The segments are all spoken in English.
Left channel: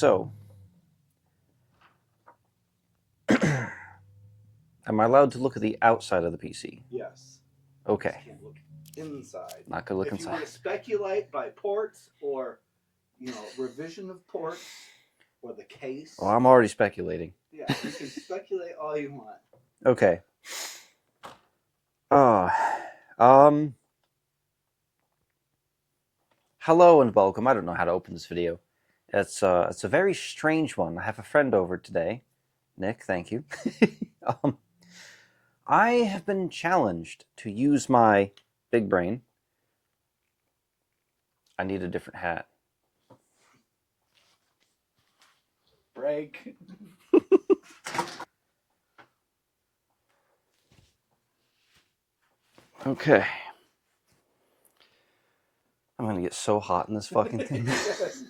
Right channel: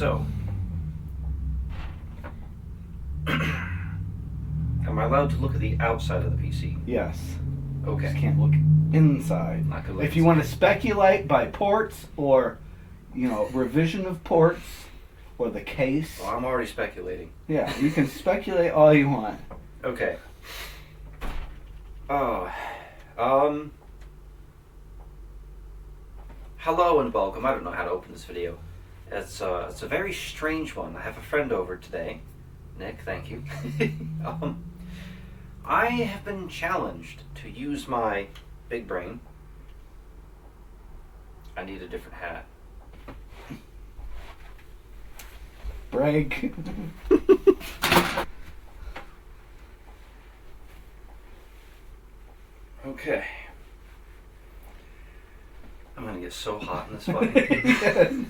So, am I allowed to look at the outside of the PC? Yes. Okay. Just can't look inside. Not gonna look If you inside. want to speculate by ports or, revision of ports or the case. Well, I'm already speculating. Yeah, you can speculate all you want. Okay. Hello and welcome. I don't know how to open this video. It's a very strange one. I have a friend over today. Nick, thank you. I have been challenged to use my big brain. I need a different hat. Break. Okay. I'm gonna get so hot in this fucking thing.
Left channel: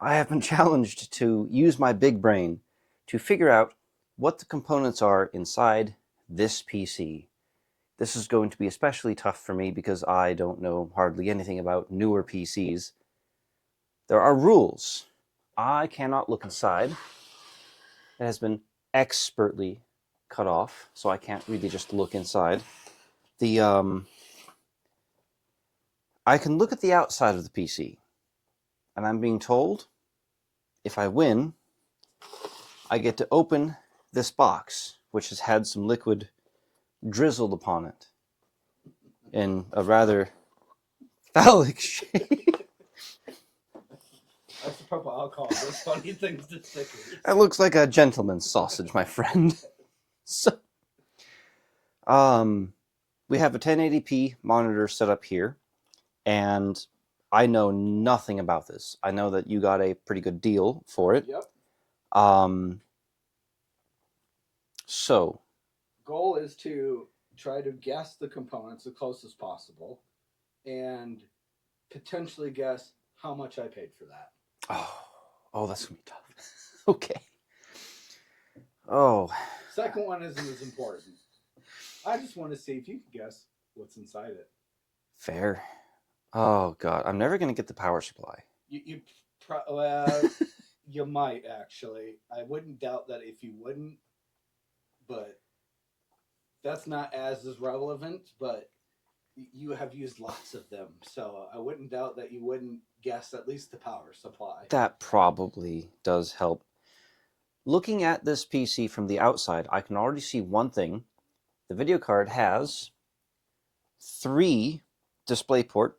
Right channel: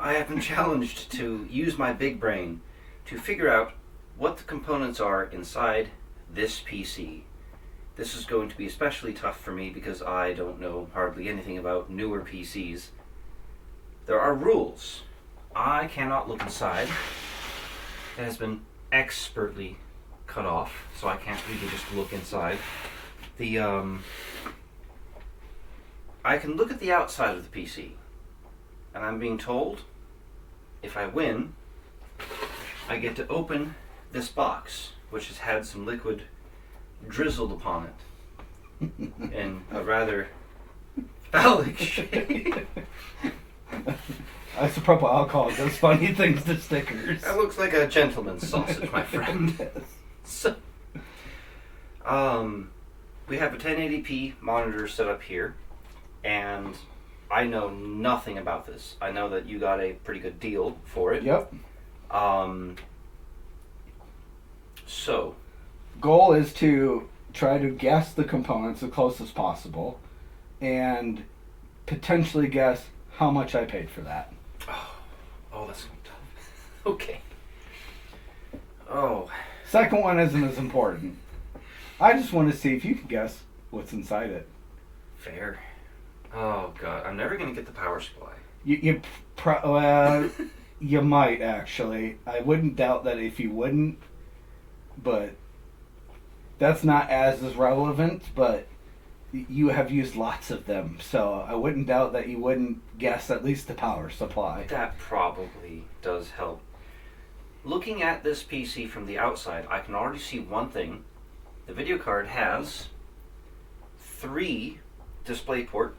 I have been challenged to use my big brain to figure out what the components are inside this PC. This is going to be especially tough for me because I don't know hardly anything about newer PCs. There are rules. I cannot look inside. It has been expertly cut off, so I can't really just look inside. I can look at the outside of the PC, and I'm being told if I win, I get to open this box, which has had some liquid drizzled upon it in a rather phallic shape. Isopropyl alcohol does funny things to stickers. That looks like a gentleman's sausage, my friend. So, we have a 1080p monitor set up here, and I know nothing about this. I know that you got a pretty good deal for it. Yep. So, Goal is to try to guess the components as close as possible, and potentially guess how much I paid for that. Oh, that's gonna be tough. Okay. Oh. Second one isn't as important. I just want to see if you can guess what's inside it. Fair. Oh God, I'm never gonna get the power supply. You might actually. I wouldn't doubt that if you wouldn't, but that's not as relevant. But you have used lots of them, so I wouldn't doubt that you wouldn't guess at least the power supply. That probably does help. Looking at this PC from the outside, I can already see one thing. The video card has 3 DisplayPort,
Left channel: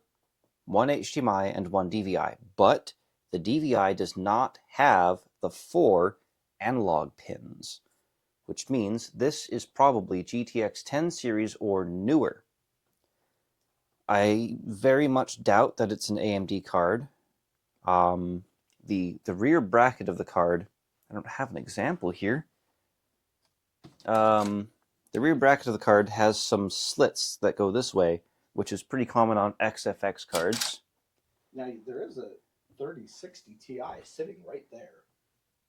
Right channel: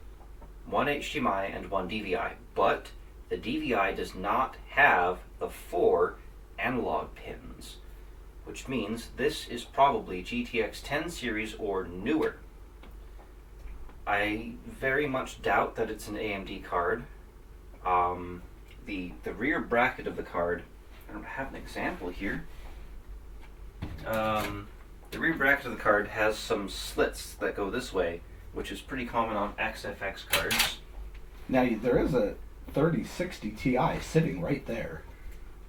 1 HDMI, and 1 DVI, but the DVI does not have the 4 analog pins, which means this is probably GTX 10 series or newer. I very much doubt that it's an AMD card. The rear bracket of the card, I don't have an example here. The rear bracket of the card has some slits that go this way, which is pretty common on XFX cards. Now, there is a 3060 Ti sitting right there.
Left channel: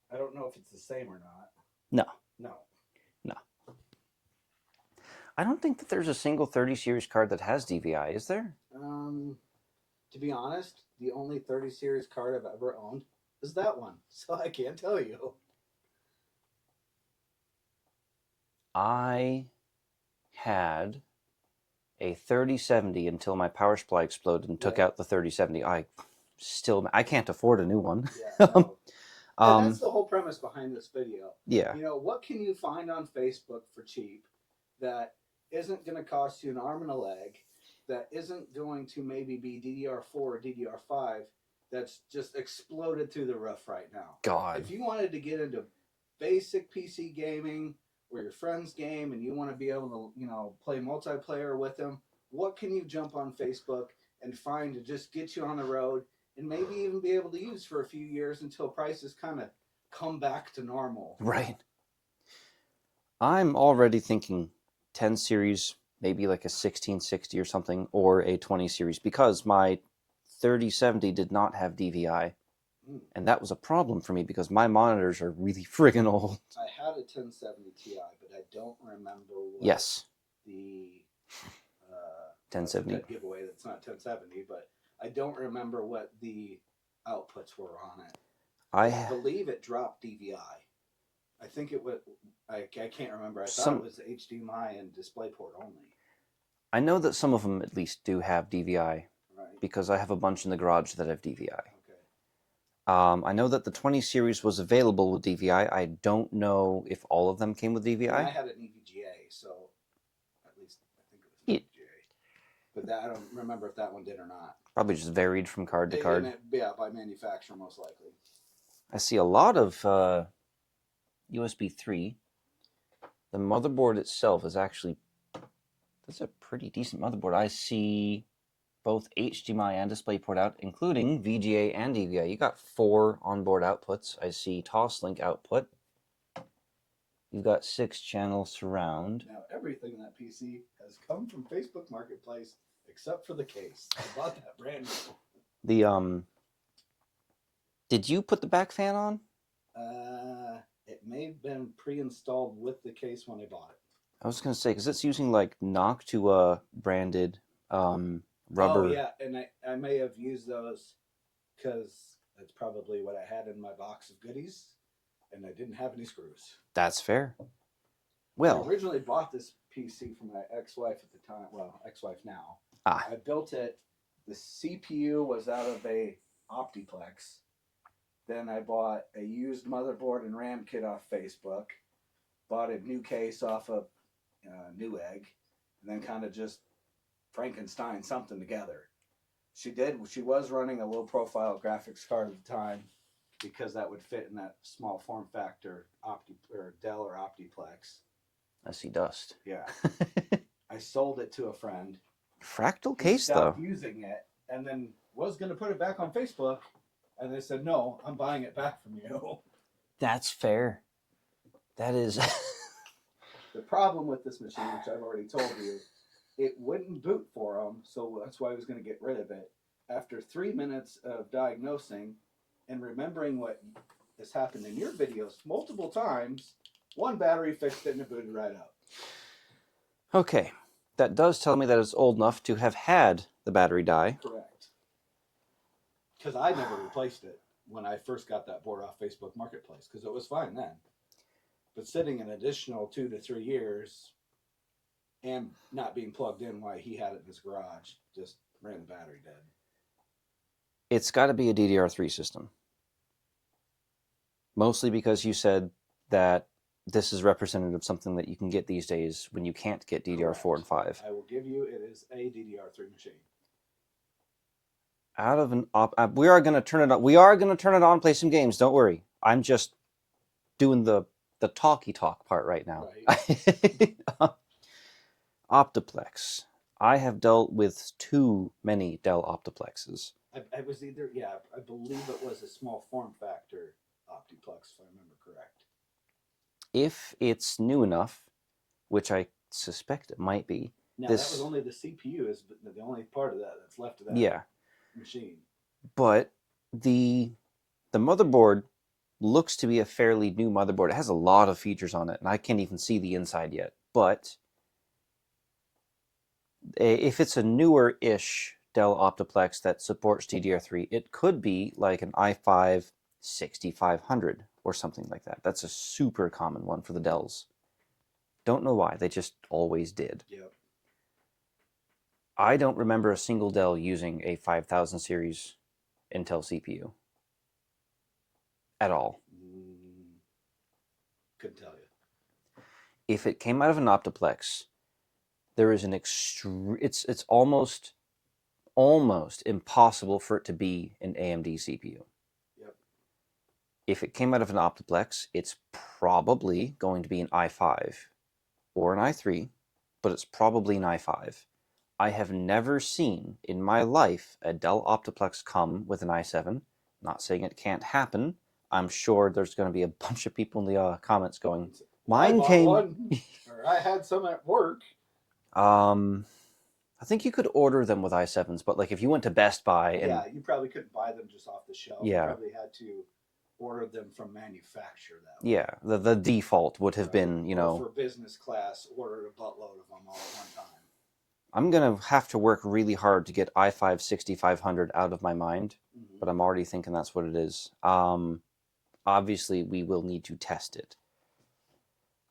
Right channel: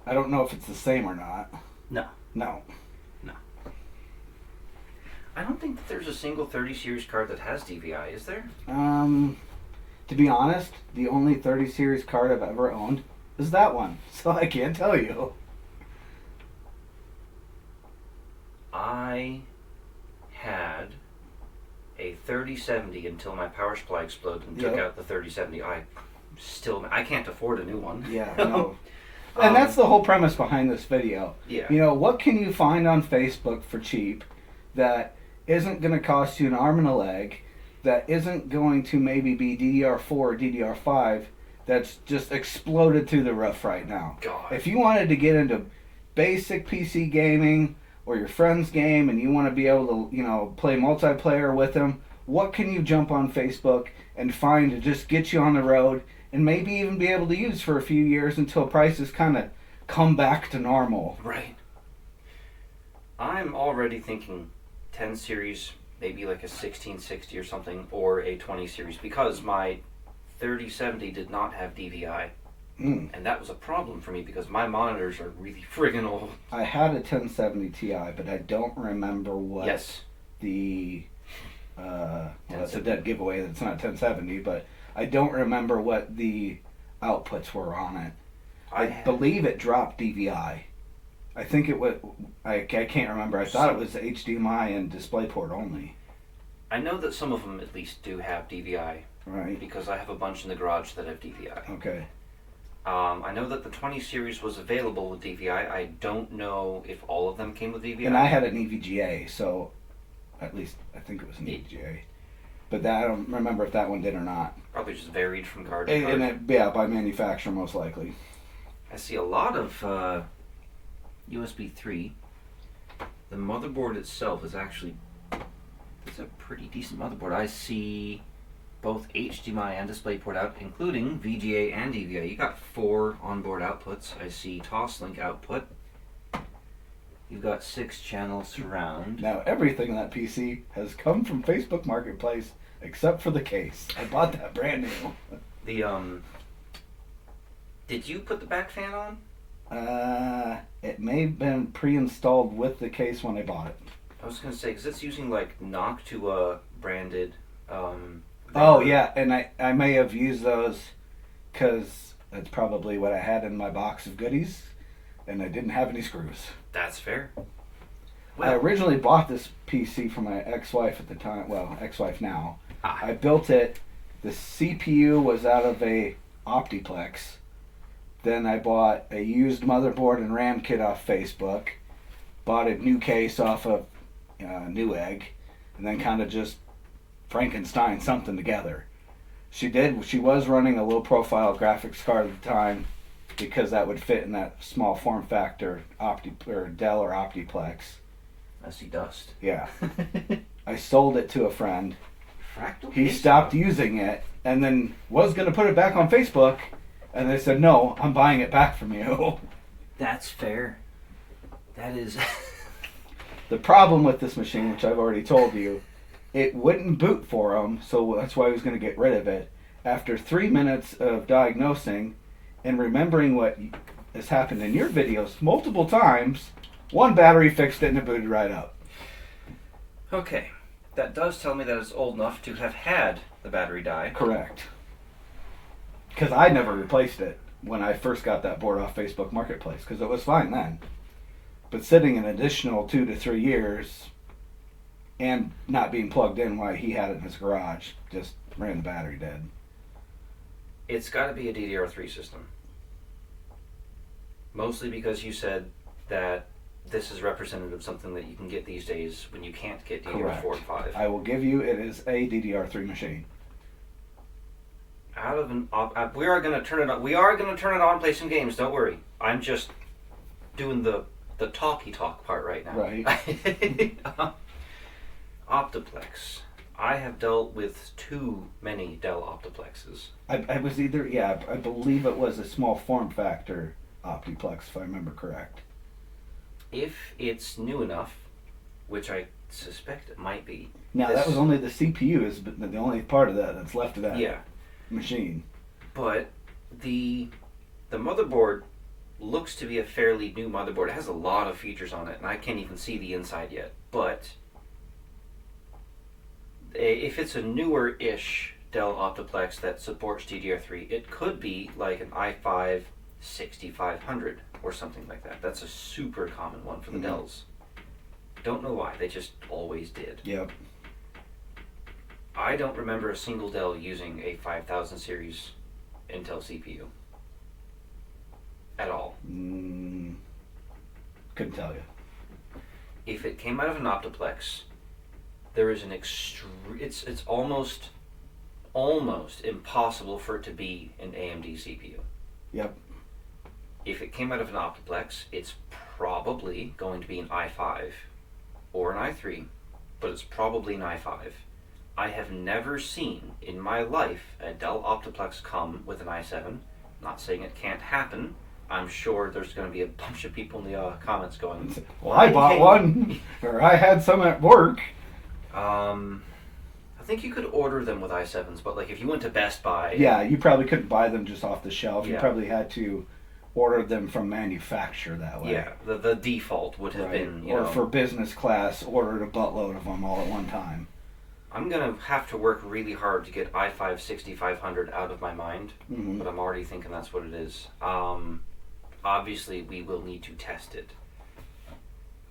I don't know if it's the same or not. No. No. I don't think that there's a single 30 series card that has DVI, is there? To be honest, the only 30 series card I've ever owned is that one, so I can't tell you. I had a 3070 until my power supply exploded and took out the 3070. I can't afford a new one. Yeah, no. And that's the whole premise behind this video. Yeah. What can you find on Facebook for cheap that isn't going to cost you an arm and a leg, that isn't going to maybe be DDR4 or DDR5, that's just exploded through the roof right now? God. If you wanted to get into basic PC gaming or your friend's game and you want to be able to, play multiplayer with them, what can you jump on Facebook and find to just get you on the road and maybe even be able to use for a few years until prices kind of come back to normal? Right. I'm already thinking 10 series, maybe like a 1660 or something, or a 20 series, because my 3070 did not have DVI. And that was a problem for me because my monitors are really friggin' old. I had a 1070 Ti, but I don't remember what the it's a dead giveaway that's not 1070, but I don't remember what the outputs were on it. I believe it dropped DVI. I think it was. I can't remember. I thought it was HDMI and DisplayPort only. I know that some of them at least do have DVI. Right. Because I have a bunch in the garage that have DVI. Okay. I know that the 20 series was available with DVI. I don't know if all of them came with DVI. And I had an EVGA, so at least I think it was an EVGA. But I don't remember if that one did or not. Probably just varied from card to card. Yeah, by manufacturer most likely. I see a lot of USB 3. The motherboard itself is actually a pretty decent motherboard. I see both HDMI and DisplayPort out, including VGA and DVI. You got 4 onboard outputs. I see Toslink output. You've got 6 channel surround. Now everything in that PC has come from Facebook Marketplace except for the case. I bought that brand new. The did you put the back fan on? It may have been pre-installed with the case when I bought it. I was gonna say because it's using like Noctua branded. Oh yeah, and I may have used those because that's probably what I had in my box of goodies, and I didn't have any screws. That's fair. Well, I originally bought this PC for my ex-wife at the time. Well, ex-wife now. I built it. The CPU was out of a Optiplex. Then I bought a used motherboard and RAM kit off Facebook. Bought a new case off of Newegg, and then kind of just Frankenstein something together. She was running a low profile graphics card at the time because that would fit in that small form factor Dell or Optiplex. I see dust. Yeah. I sold it to a friend. Fractal He case stopped though. using it and then was going to put it back on Facebook, and they said, no, I'm buying it back from you. That's fair. That is. The problem with this machine, which I've already told you, it wouldn't boot for him, so that's why he was going to get rid of it. After 3 minutes of diagnosing and remembering what has happened in your videos multiple times, one battery fixed it and it booted right up. Okay. That does tell me that it's old enough to have had the battery die. Correct. Because I never replaced it when I first got that board off Facebook Marketplace, because it was fine then. But sitting an additional 2 to 3 years and not being plugged in while he had it in his garage just ran the battery dead. It's got to be a DDR3 system. Mostly because you said that this is representative of something that you can get these days when you can't get DDR4 and 5. I will give you, it is a DDR3 machine. Out of an we are going to turn it on. We are going to turn it on, play some games. Don't worry. I'm just doing the talky talk part right now. Right. Optiplex. I have dealt with too many Dell Optiplexes. I was either, I believe it was a small form factor Optiplex, if I remember correct. If it's new enough, which I suspect it might be. Now, that was only the CPU is the only part of that that's left of that machine. But the motherboard looks to be a fairly new motherboard. It has a lot of features on it, and I can't even see the inside yet. But if it's a newer-ish Dell Optiplex that supports DDR3, it could be like an i5 6500 or something like that. That's a super common one for the Dells. Don't know why. They just always did. Yep. I don't remember a single Dell using a 5000 series Intel CPU. At all. Couldn't tell you. If it came out of an Optiplex, there is an it's almost impossible for it to be an AMD CPU. Yep. If it came out of an Optiplex, it's probably going to be an i5 or an i3, but it's probably an i5. I have never seen in my life a Dell Optiplex come with an i7. Not saying it can't happen. I'm sure there's going to be a bunch of people in the comments going, well, I bought one, or I had some at work. I think you could order them with i7s, but like if you went to Best Buy... Yeah, you probably couldn't buy them just off the shelf. Yeah. You probably had to order them from manufacturer that way. Yeah, the default would have been, or for business class, ordered a buttload of them all at one time. I'm going to have to work really hard to get i5 6500 out of my mind, but I'm already thinking that's what it is. obviously we will need to test it.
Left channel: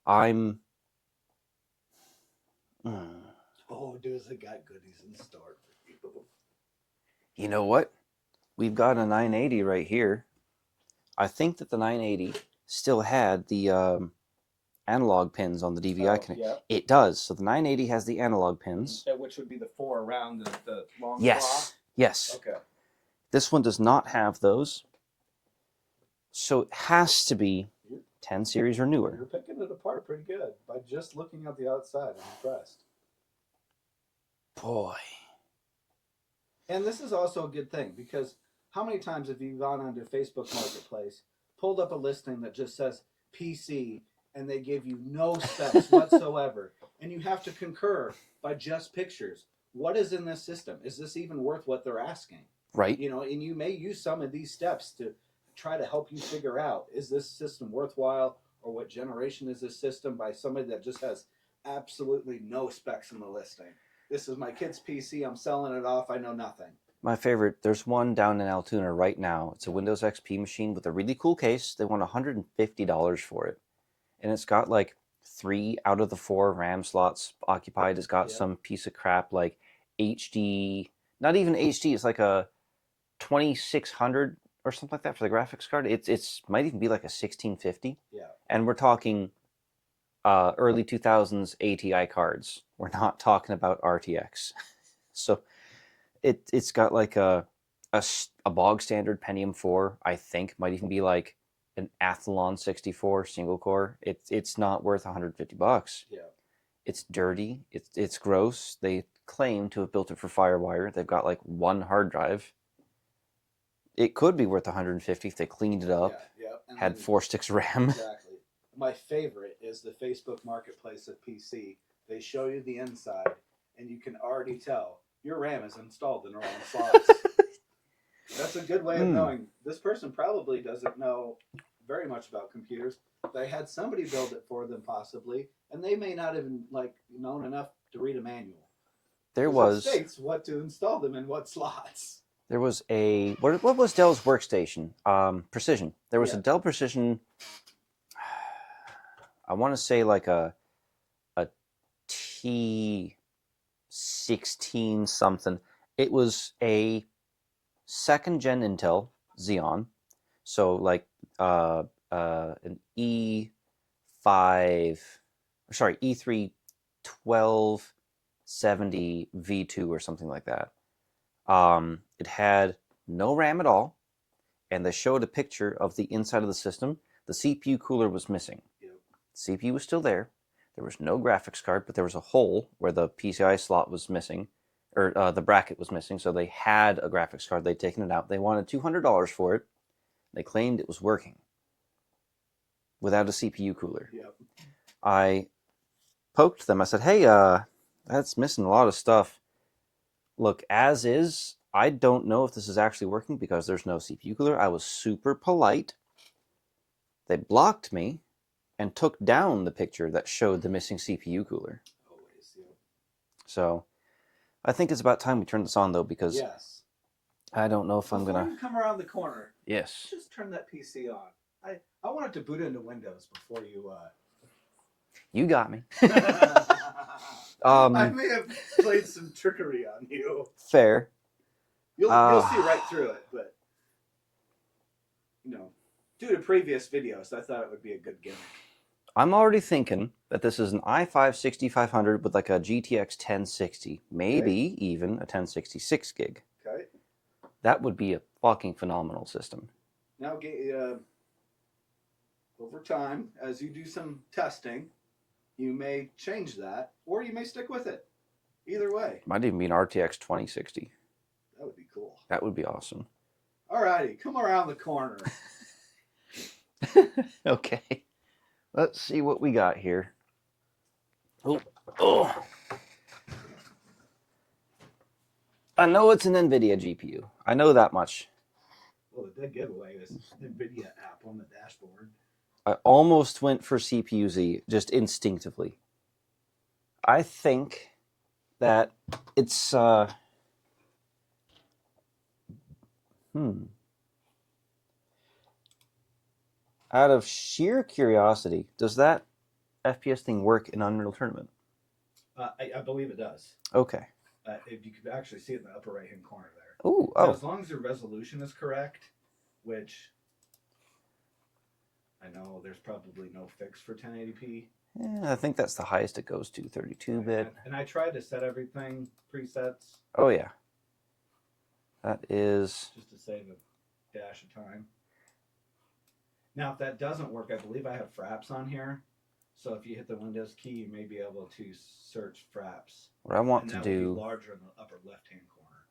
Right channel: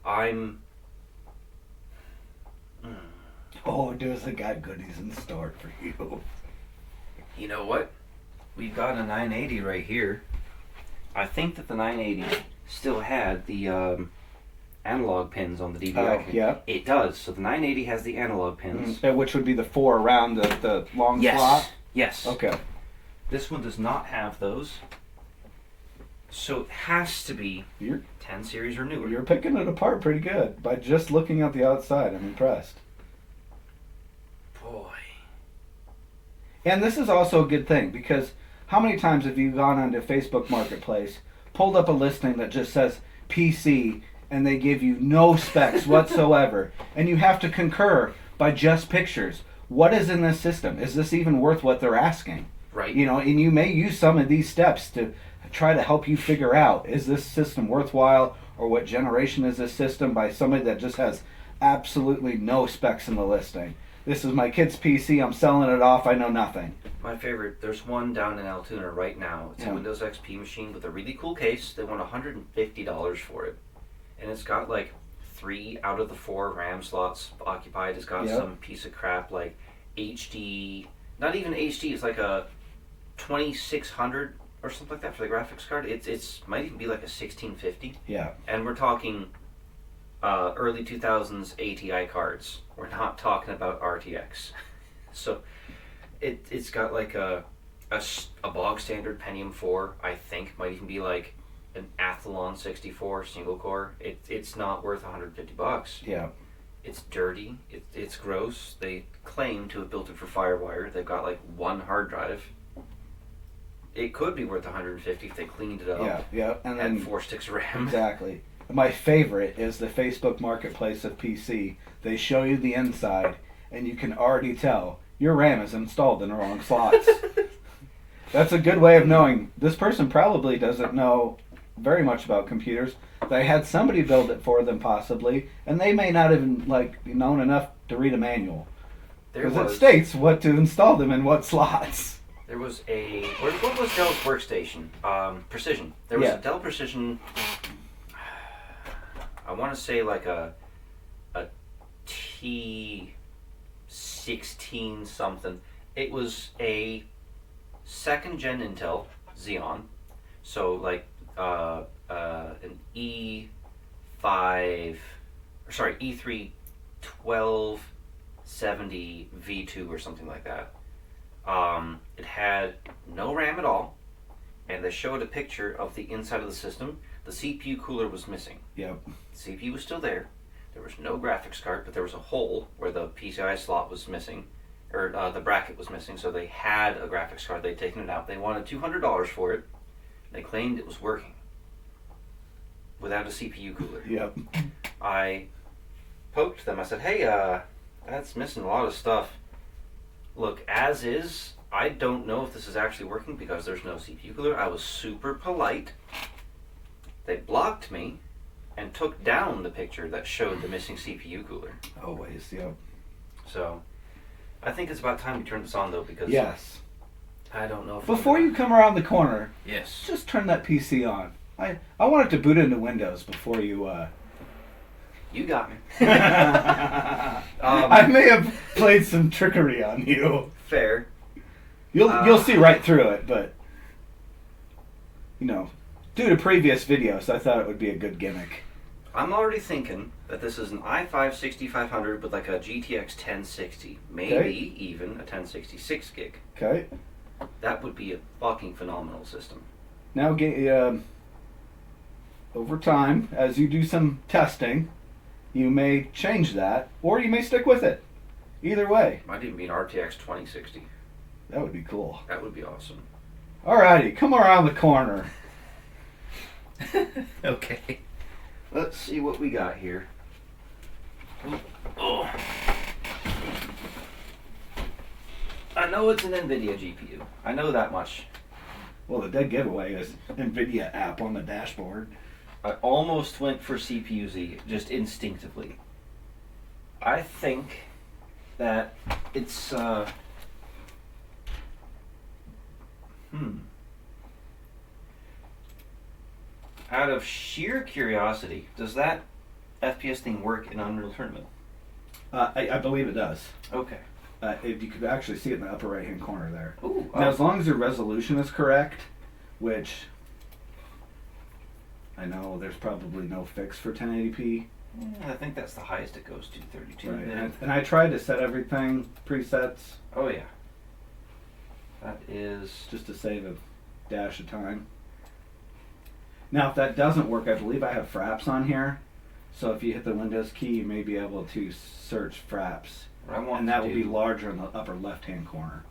I'm... Oh, does it got goodies in store for you? You know what? We've got a 980 right here. I think that the 980 still had the analog pins on the DVI connector. Yeah. It does. So the 980 has the analog pins. Which would be the 4 around the long Yes. slot? Yes. Okay. This one does not have those. So it has to be You're 10 series or newer. You're picking it apart pretty good. By just looking at the outside, I'm impressed. Boy. And this is also a good thing, because how many times have you gone onto Facebook Marketplace, pulled up a listing that just says PC, and they give you no specs whatsoever, and you have to concur by just pictures. What is in this system? Is this even worth what they're asking? Right. You know, and you may use some of these steps to try to help you figure out, is this system worthwhile, or what generation is this system, by somebody that just has absolutely no specs in the listing. This is my kid's PC, I'm selling it off, I know nothing. My favorite, there's one down in Altoona right now. It's a Windows XP machine with a really cool case. They want $150 for it. And it's got like 3 out of the 4 RAM slots occupied. It's got some piece of crap like HD, not even HD, it's like a 2600 or something like that for the graphics card. It's might even be like a 1650. Yeah. And we're talking early 2000s ATI cards. We're not talking about RTX. So it's got like a bog standard Pentium 4, I think, might even be like an Athlon 64 single core. It's not worth $150. Yeah. It's dirty. It's gross. They claim to have built it for FireWire. They've got like 1 hard drive. It could be worth $150 if they cleaned it up. Yeah. And had then 4 sticks of RAM. Exactly. My favorite is the Facebook Marketplace of PC. They show you the inside, and you can already tell your RAM is installed in the wrong slots. That's a good way of knowing this person probably doesn't know very much about computers. They had somebody build it for them possibly, and they may not even known enough to read a manual. It states what to install them in what slots. There was what was Dell's workstation? Precision. There was a Dell Precision. I want to say like a T16 something. It was a 2nd gen Intel Xeon, so like an E3 1270 V2 or something like that. It had no RAM at all, and they showed a picture of the inside of the system. The CPU cooler was missing. Yep. The CPU was still there. There was no graphics card, but there was a hole where the PCI slot was missing, or the bracket was missing, so they had a graphics card. They'd taken it out. They wanted $200 for it. They claimed it was working without a CPU cooler. Yep. I poked them. I said, hey, that's missing a lot of stuff. Look, as is, I don't know if this is actually working because there's no CPU cooler. I was super polite. They blocked me and took down the picture that showed the missing CPU cooler. Always, yep. So, I think it's about time we turn this on, though, because yes. I don't know if Before you come around the corner, yes, just turn that PC on. I want it to boot into Windows before you... You got me. I may have played some trickery on you. Fair. You'll see right through it, but... due to previous videos, I thought it would be a good gimmick. I'm already thinking that this is an i5 6500 with like a GTX 1060, maybe even a 1066 gig. Okay. That would be a fucking phenomenal system. Now, over time, as you do some testing, you may change that, or you may stick with it. Either way. Might even be an RTX 2060. That would be cool. That would be awesome. Alrighty, come around the corner. Okay. Let's see what we got here. Oh. I know it's an NVIDIA GPU. I know that much. Well, the dead giveaway is NVIDIA app on the dashboard. I almost went for CPU-Z, just instinctively. I think that it's, Out of sheer curiosity, does that FPS thing work in Unreal Tournament? I believe it does. Okay. If you could actually see it in the upper right hand corner there. Ooh, Now, oh. as long as your resolution is correct, which I know there's probably no fix for 1080p. Yeah, I think that's the highest it goes to, 32 bit. And I tried to set everything presets. Oh yeah. That is... Just to save a dash of time. Now, if that doesn't work, I believe I have fraps on here. So if you hit the Windows key, you may be able to search fraps. What I want and that to will do... be larger in the upper left-hand corner.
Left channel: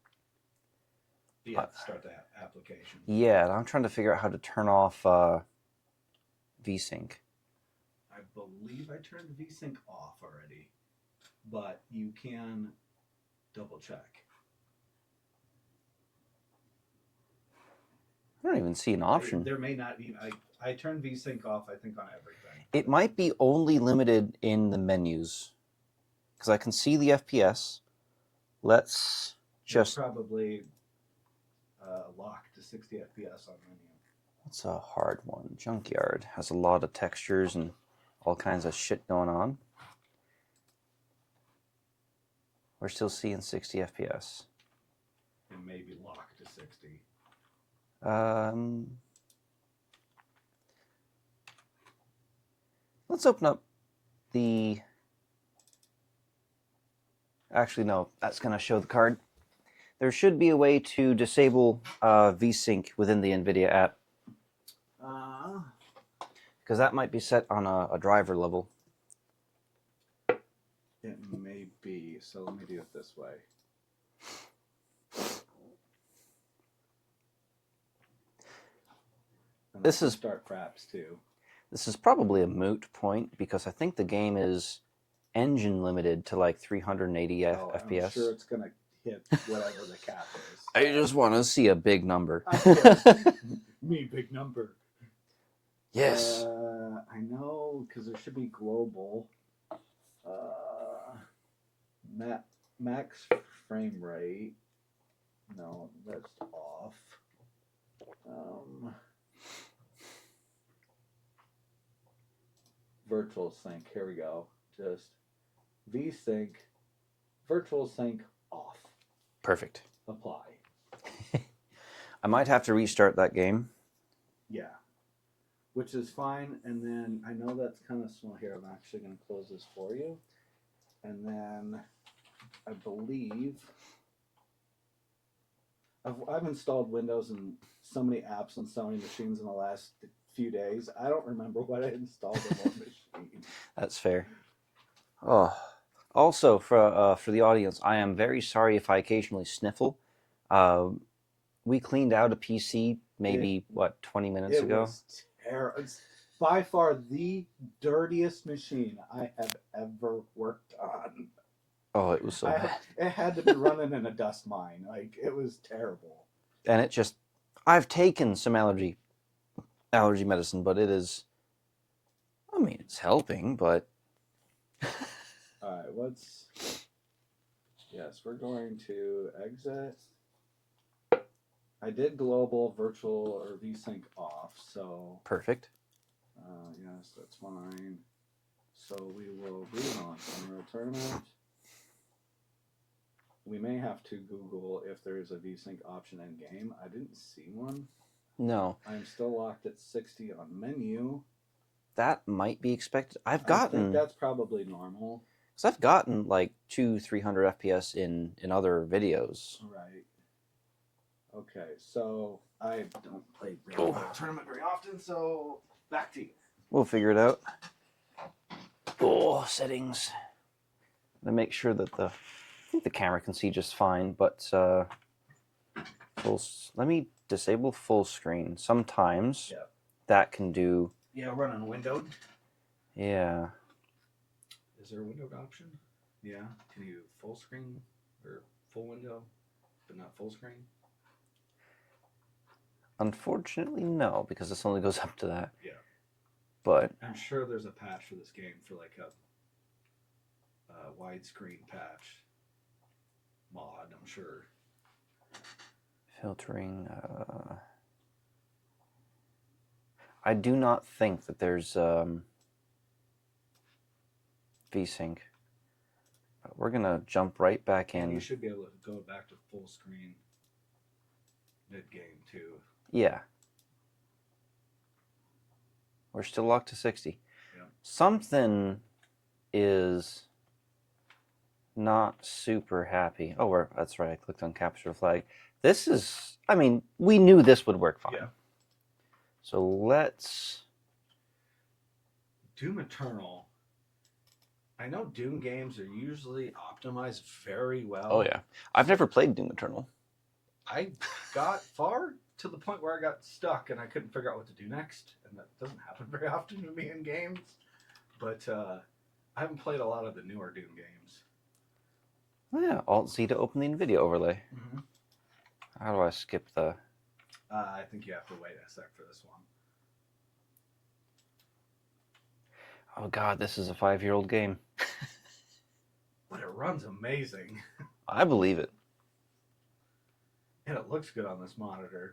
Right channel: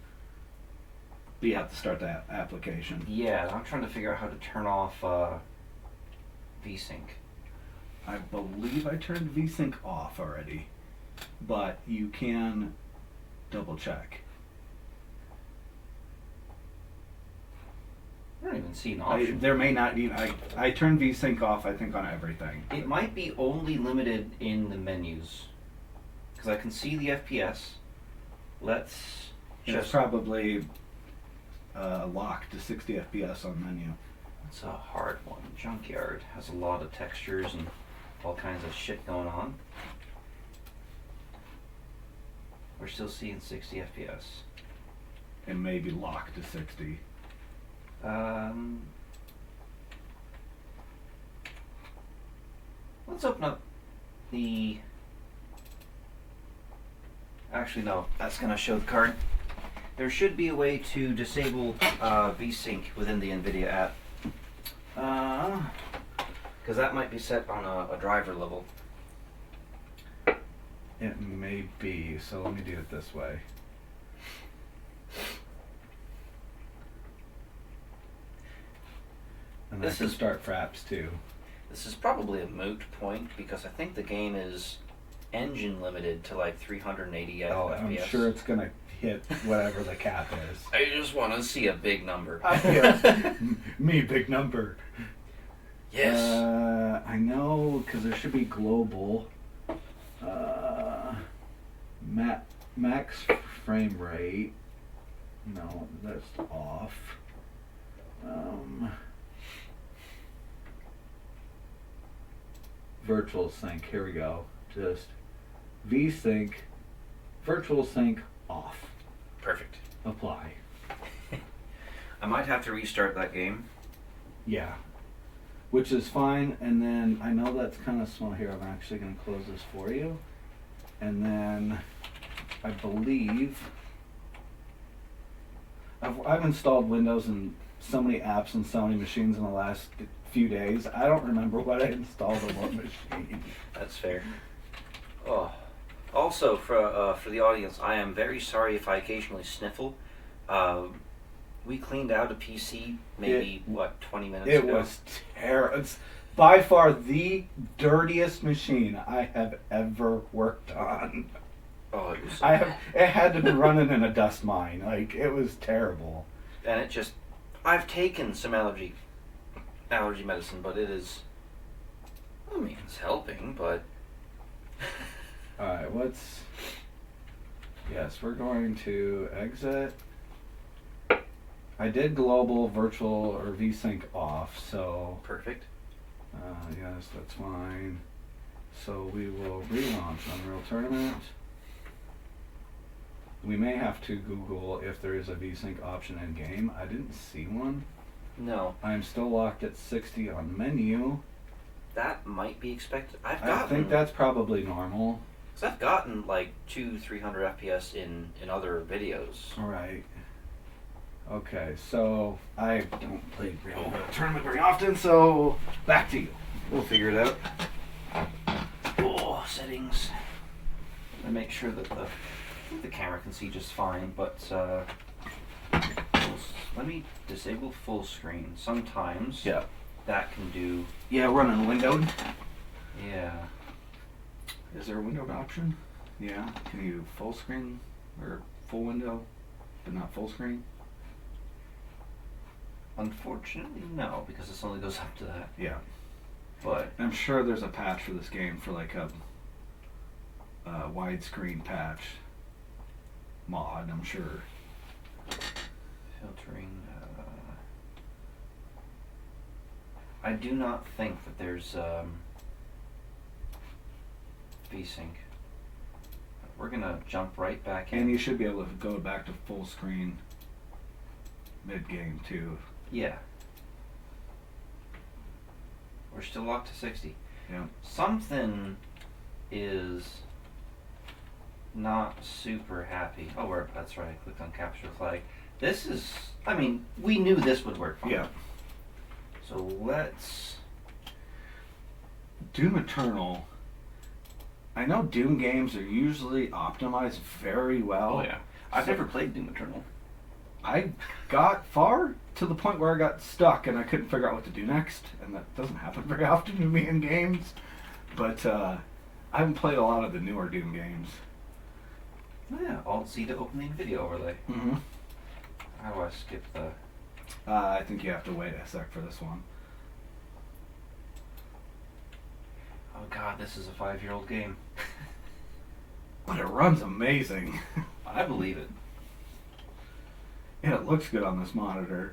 But you have to start that application. Yeah, I'm trying to figure out how to turn off VSync. I believe I turned VSync off already, but you can double check. I don't even see an option. There may not be. I turned VSync off, I think, on everything. It might be only limited in the menus. Because I can see the FPS. Let's It's just... probably locked to 60 FPS on menu. It's a hard one. Junkyard has a lot of textures and all kinds of shit going on. We're still seeing 60 FPS. And maybe locked to 60. Let's open up the... Actually, no, that's going to show the card. There should be a way to disable VSync within the NVIDIA app. Because that might be set on a driver level. It may be, so let me do it this way. And This I can is- start fraps too. This is probably a moot point because I think the game is engine limited to like 380 FPS. I'm sure it's gonna hit whatever the cap is. I just want to see a big number. Me, big number. Yes. I know, because there should be global. Max frame rate. No, that's off. Virtual sync. Here we go. Just VSync. Virtual sync off. Perfect. Apply. I might have to restart that game. Yeah. Which is fine, and then I know that's kind of small here. I'm actually going to close this for you. And then I believe I've installed Windows and so many apps and so many machines in the last few days. I don't remember what I installed on what machine. That's fair. Oh. Also, for the audience, I am very sorry if I occasionally sniffle. We cleaned out a PC maybe, 20 minutes ago? It was terrible. It's by far the dirtiest machine I have ever worked on. Oh, it was so bad. It had to be running in a dust mine. Like, it was terrible. And it just... I've taken some allergy medicine, but it is... I mean, it's helping, but... Alright, yes, we're going to exit. I did global, virtual, or VSync off, so... Perfect. Yes, that's fine. So we will relaunch Unreal Tournament. We may have to Google if there is a VSync option in game. I didn't see one. No. I'm still locked at 60 on menu. That might be expected. I think that's probably normal. Because I've gotten like 200-300 FPS in other videos. Alright. Okay, so I don't play Unreal Tournament very often, so back to you. We'll figure it out. Oh, settings. I make sure that I think the camera can see just fine, but let me disable full screen. Sometimes that can do... Yeah, running windowed. Yeah. Is there a windowed option? Yeah. Can you full screen or full window, but not full screen? Unfortunately, no, because this only goes up to that. Yeah. But I'm sure there's a patch for this game for like a widescreen patch mod, I'm sure. Filtering. I do not think that there's VSync. We're gonna jump right back in. And you should be able to go back to full screen mid-game too. Yeah. We're still locked to 60. Yeah. Something is not super happy. Oh, that's right. I clicked on capture flag. This is, I mean, we knew this would work fine. Yeah. So let's... Doom Eternal. I know Doom games are usually optimized very well. Oh, yeah. I've never played Doom Eternal. I got far to the point where I got stuck and I couldn't figure out what to do next, and that doesn't happen very often to me in games. But I haven't played a lot of the newer Doom games. Oh, yeah. Alt-Z to open the NVIDIA overlay. Mm-hmm. How do I skip the... I think you have to wait a sec for this one. Oh, God, this is a 5-year-old game. But it runs amazing. I believe it. And it looks good on this monitor.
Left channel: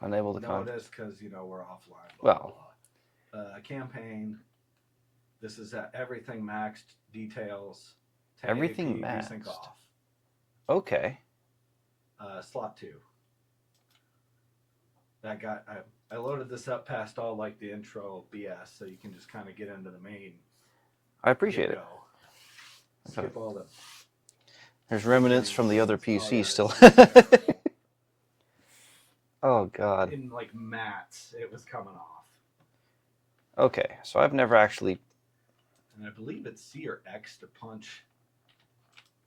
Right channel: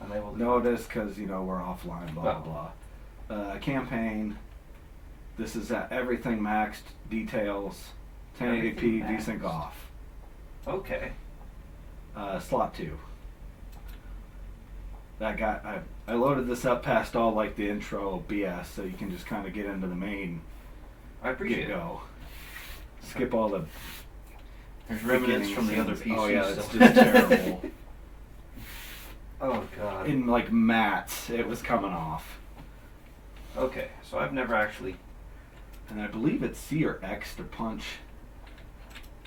Unable to... No, it is because, you know, we're offline, blah, Well. blah, blah. Campaign. This is at everything maxed. Details. 1080p, Everything desync maxed. off. Okay. Slot 2. I loaded this up past all like the intro BS, so you can just kind of get into the main. I appreciate it. Go. Skip all the. There's remnants from the other PC oh, yeah, still. It's just terrible. Oh, God. In like mats, it was coming off. Okay, so I've never actually... And I believe it's C or X to punch.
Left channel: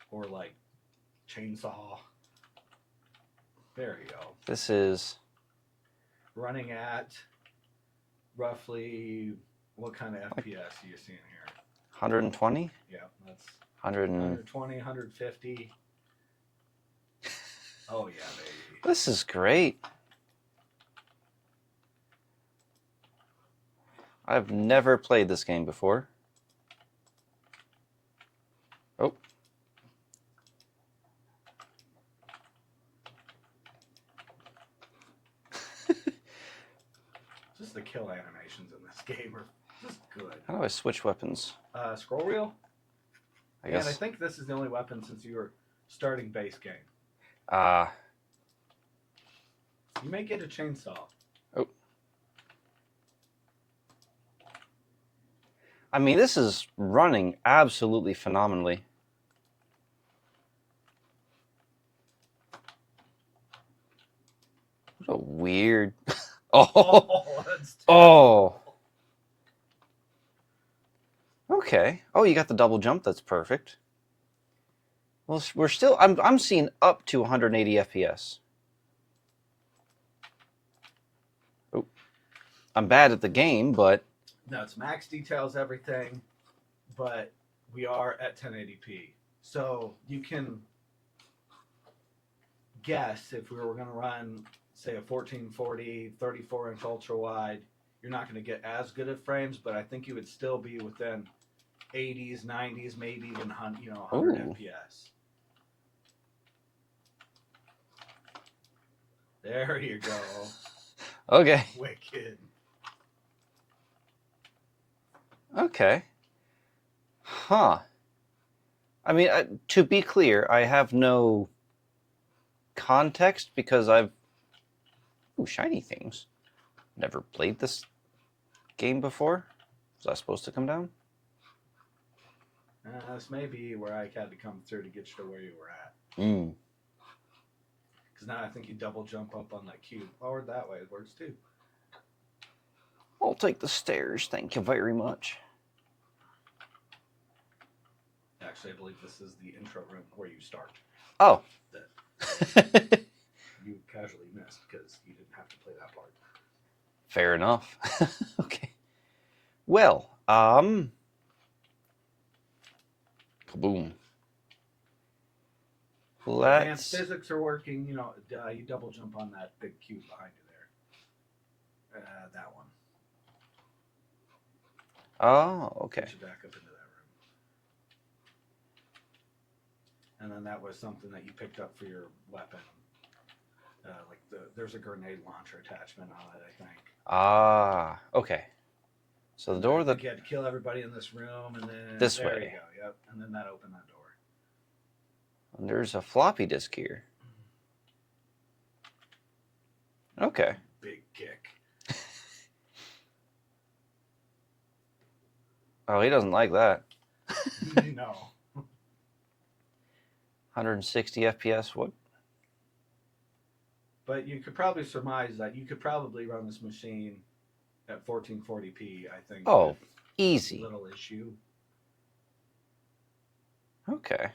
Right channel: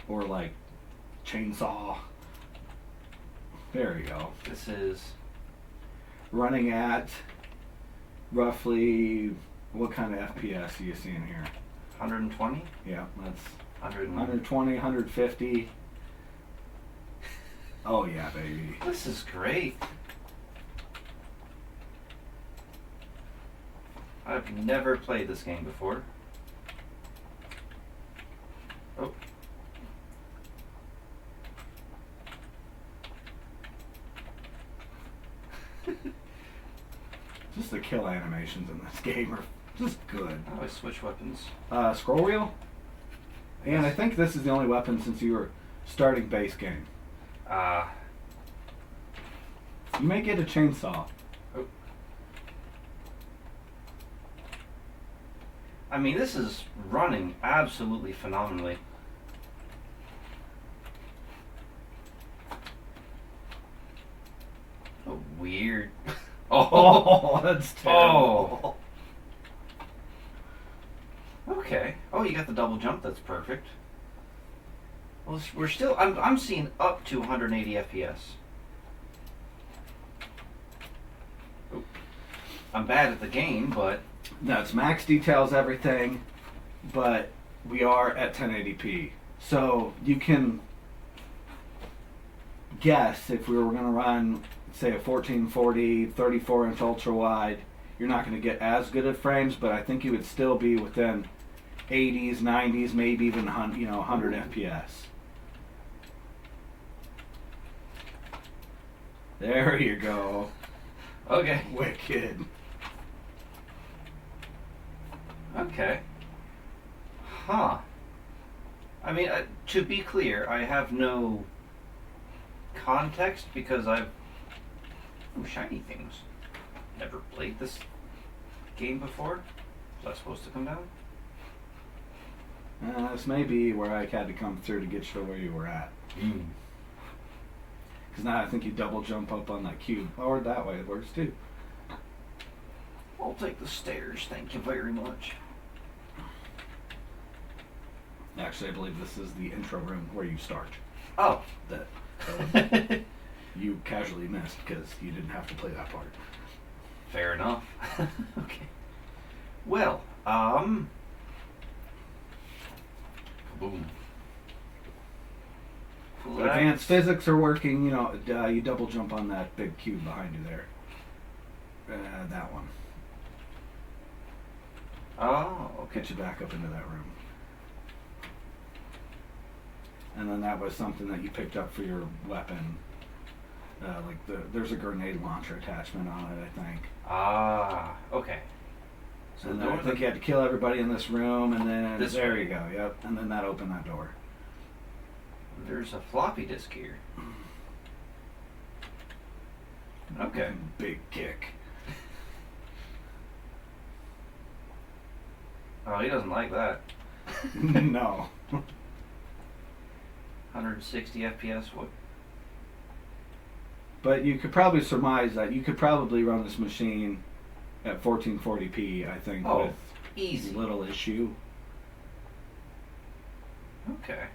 Or like chainsaw. There you go. This is... Running at roughly, what kind of FPS are you seeing here? 120? Yeah, that's 120. 150. Oh yeah, baby. This is great. I've never played this game before. Oh. Just the kill animations in this game are just good. How do I switch weapons? Scroll wheel. I And I guess- think this is the only weapon since you were starting base game. You may get a chainsaw. Oh. I mean, this is running absolutely phenomenally. Oh, weird. Oh, that's terrible. Okay. Oh, you got the double jump. That's perfect. Well, we're still... I'm seeing up to 180 FPS. Oh. I'm bad at the game, but... No, it's max details everything, but we are at 1080p. So you can guess if we were going to run, say, a 1440 34-inch ultra wide, you're not going to get as good at frames, but I think you would still be within 80s, 90s, maybe even 100 Ooh. FPS. There you go. Okay. Wicked. Okay. Huh. I mean, to be clear, I have no context because I've... Ooh, shiny things. Never played this game before. Was that supposed to come down? This may be where I had to come through to get you to where you were at. Mm. Because now I think you double jump up on that cube. Or that way, it works too. I'll take the stairs, thank you very much. Actually, I believe this is the intro room where you start. Oh. That you casually missed because you didn't have to play that part. Fair enough. Okay. Well, kaboom. Advanced physics are working, you double jump on that big cube behind you there. That one. Oh, okay. Get you back up into that room. And then that was something that you picked up for your weapon. there's a grenade launcher attachment on it, I think. Ah, okay. So And the door I think you had to kill everybody in this room, and then This there way. you go. Yep, and then that opened that door. There's a floppy disk here. Okay. Big kick. Oh, he doesn't like that. No. 160 FPS. What? But you could probably surmise that you could probably run this machine at 1440p, I think. Oh, with easy. little issue. Okay.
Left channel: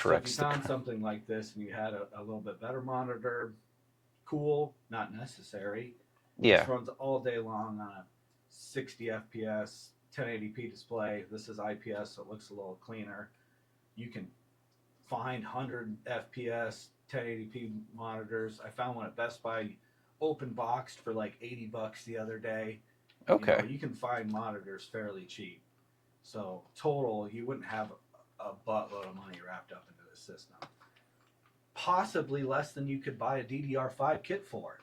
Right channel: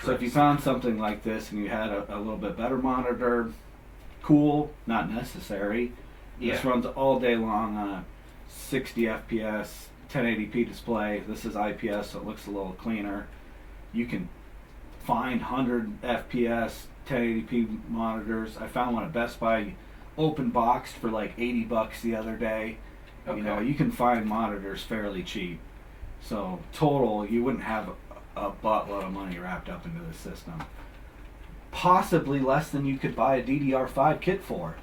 So if you found something like this and you had a little bit better monitor, cool, not necessary. Yeah. This runs all day long on a 60 FPS, 1080p display. This is IPS, so it looks a little cleaner. You can find 100 FPS, 1080p monitors. I found one at Best Buy, open boxed for like $80 the other day. Okay. You know, you can find monitors fairly cheap. So total, you wouldn't have a buttload of money wrapped up into the system. Possibly less than you could buy a DDR5 kit for.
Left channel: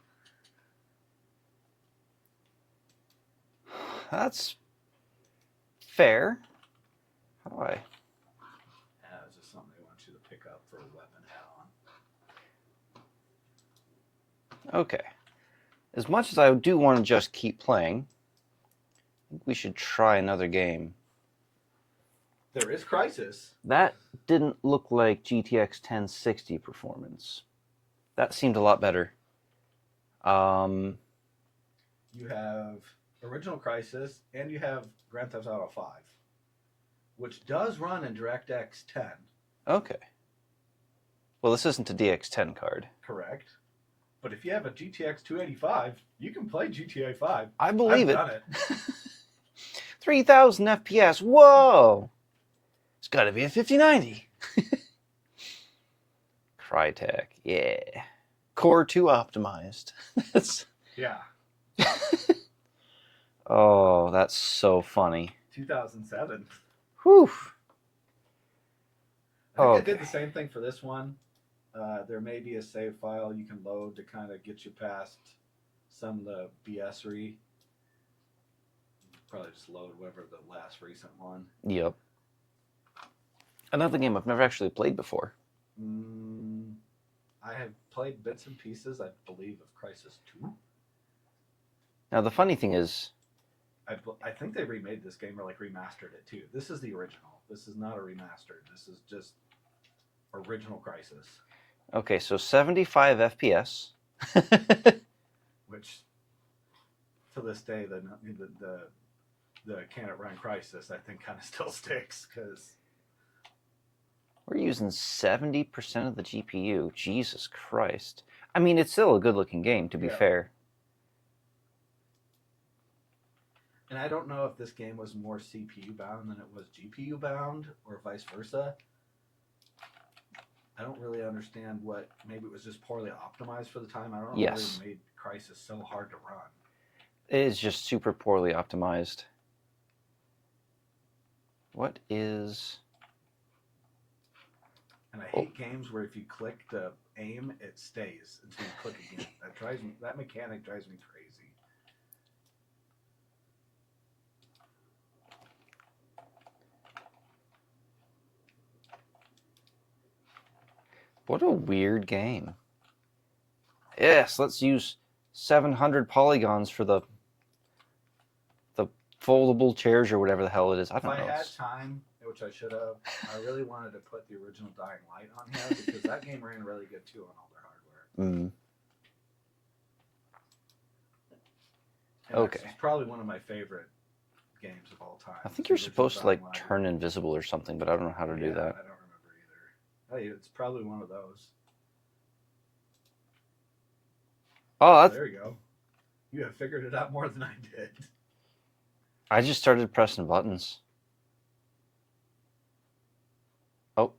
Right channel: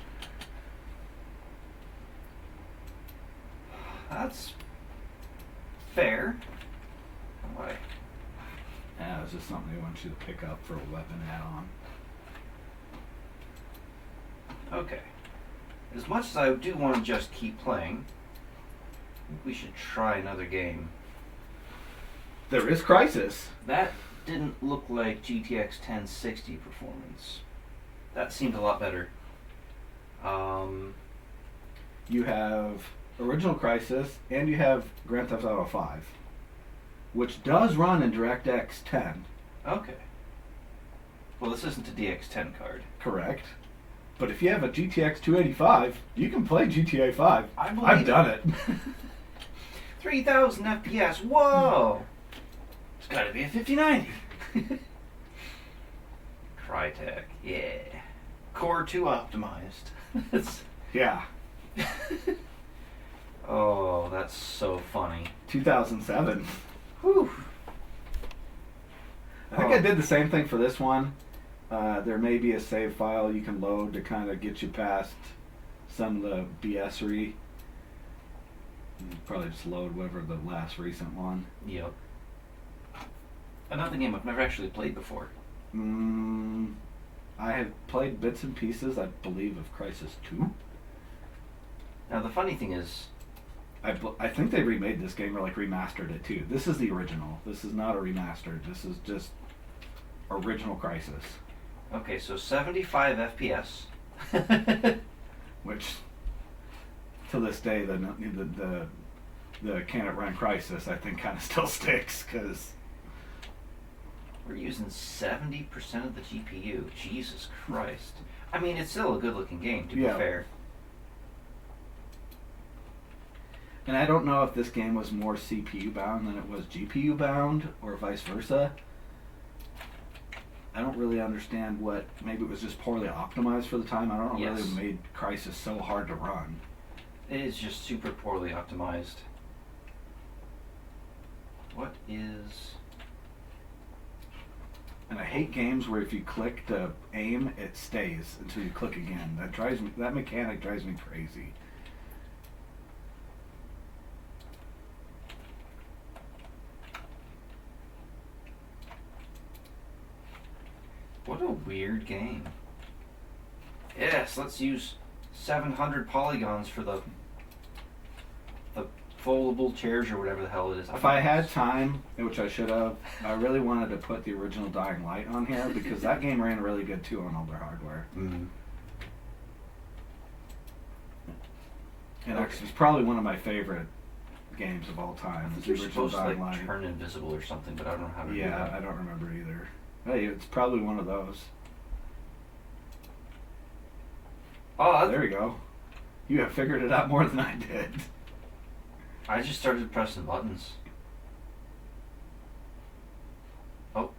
That's fair. How do I? Yeah, it's just something they want you to pick up for a weapon add-on. Okay. As much as I do want to just keep playing, we should try another game. There is Crysis. That didn't look like GTX 1060 performance. That seemed a lot better. You have original Crysis, and you have Grand Theft Auto 5, which does run in DirectX 10. Okay. Well, this isn't a DX10 card. Correct. But if you have a GTX 285, you can play GTA 5. I believe I've it. done it. 3000 FPS. Whoa! It's got to be a 5090. Crytek. Yeah. Core 2 optimized. That's. Yeah. Oh, that's so funny. 2007. Whew. I think I did the same thing for this one. There may be a save file you can load to kind of get you past some of the BS-ry. Probably just load whatever the last recent one. Yep. Another game I've never actually played before. I have played bits and pieces, I believe, of Crysis 2. Now, the funny thing is, I think they remade this game or like remastered it too. This is the original. This is not a remastered. This is just original Crysis. okay, so 75 FPS. Which, to this day, the can it run Crysis I think kind of still sticks because We're using 70% of the GPU. Jesus Christ. I mean, it's still a good-looking game, to be fair. And I don't know if this game was more CPU bound than it was GPU bound, or vice versa. I don't really understand what. Maybe it was just poorly optimized for the time. I don't know what really made Crysis so hard to run. It is just super poorly optimized. What is... And I hate games where if you click to aim, it stays until you click again. That drives me. That mechanic drives me crazy. What a weird game. Yes, let's use 700 polygons for the foldable chairs or whatever the hell it is. If I had time, which I should have, I really wanted to put the original Dying Light on here because that game ran really good too on older hardware. Mm. And it's probably one of my favorite games of all time. I think you're supposed to like turn invisible or something, but I don't know how to do that. Yeah, I don't remember either. Hey, it's probably one of those. Oh, there you go. You have figured it out more than I did. I just started pressing buttons. Oh.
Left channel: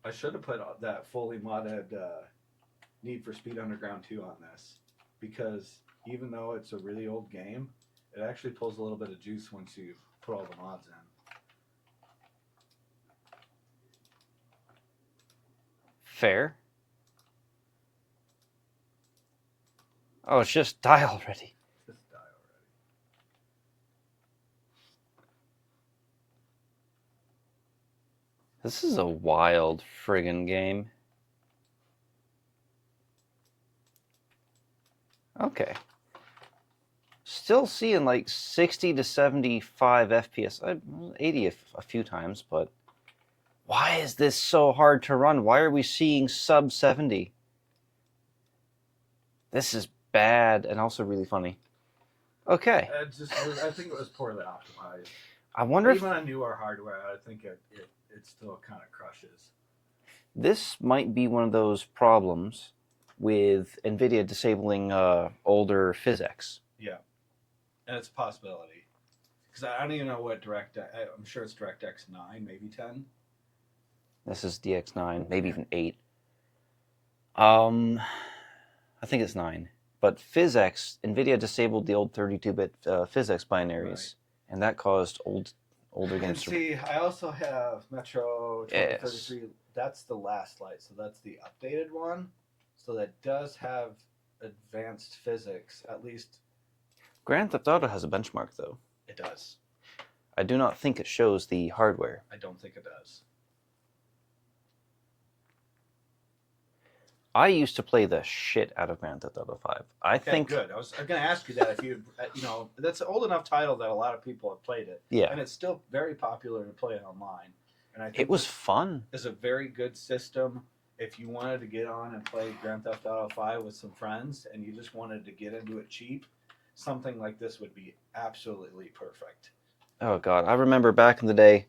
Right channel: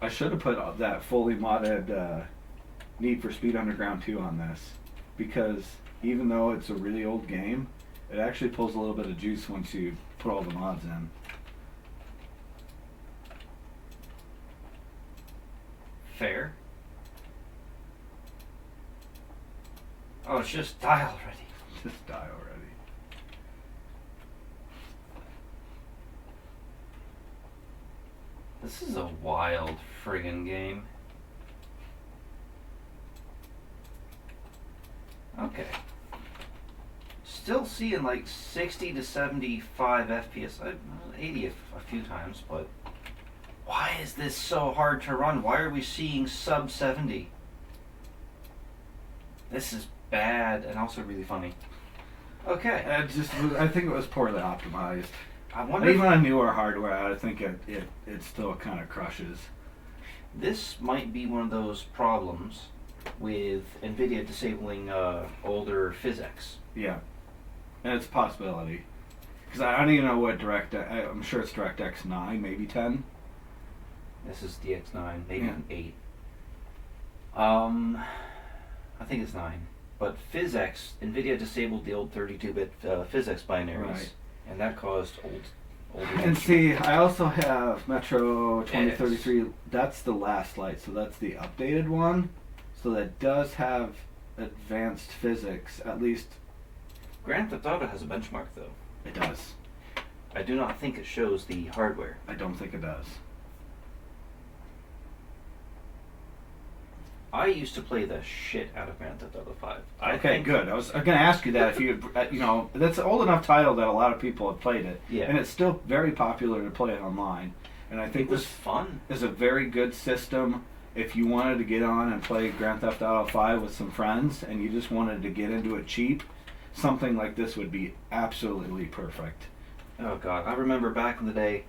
I should have put that fully modded Need for Speed Underground 2 on this, because even though it's a really old game, it actually pulls a little bit of juice once you put all the mods in. Fair. Oh, it's just die already. Just die already. This is a wild friggin' game. Okay. Still seeing like 60 to 75 FPS. 80 a few times, but why is this so hard to run? Why are we seeing sub 70? This is bad and also really funny. Okay. I think it was poorly optimized. I wonder Even on newer hardware, I think it still kind of crushes. This might be one of those problems with NVIDIA disabling older physics. Yeah, and it's a possibility. Because I don't even know what I'm sure it's DirectX 9, maybe 10. This is DX9, maybe Yeah. even 8. I think it's 9. But PhysX, NVIDIA disabled the old 32-bit PhysX binaries, Right. and that caused older. And see, I also have Metro 2033. That's the last light, so that's the updated one. So that does have advanced physics, at least. Grand Theft Auto has a benchmark, though. It does. I do not think it shows the hardware. I don't think it does. I used to play the shit out of Grand Theft Auto 5. I Okay, think, good. I was going to ask you that if you, that's an old enough title that a lot of people have played it. Yeah. And it's still very popular to play online. And I think it was fun. is a very good system if you wanted to get on and play Grand Theft Auto 5 with some friends and you just wanted to get into it cheap. Something like this would be absolutely perfect. Oh god, I remember back in the day,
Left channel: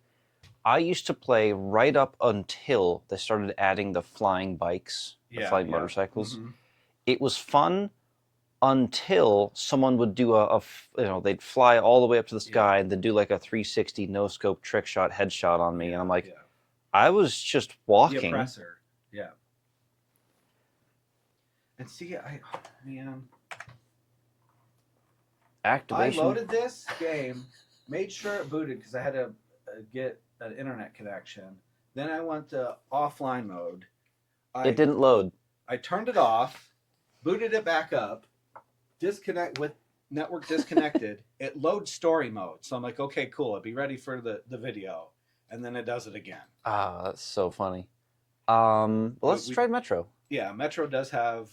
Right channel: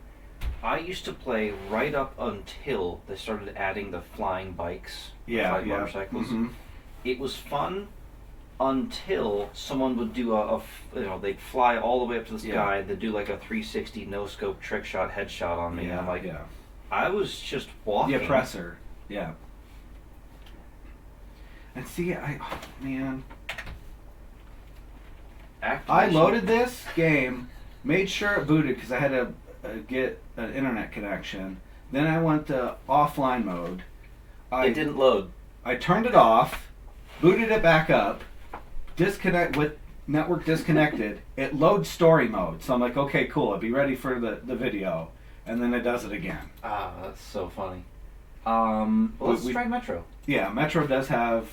I used to play right up until they started adding the flying bikes, the flying motorcycles. Mm-hmm. It was fun until someone would do they'd fly all the way up to the sky and they'd do like a 360 no scope trick shot headshot on me. And I'm like, I was just walking. The oppressor. Yeah. And see, man. I loaded this game, made sure it booted because I had to get an internet connection. Then I went to offline mode. It didn't load. I turned it off, booted it back up, disconnect with network disconnected. It loads story mode. So I'm like, okay, cool. I'll be ready for the video. And then it does it again. Ah, that's so funny. Let's try Metro. Yeah, Metro does have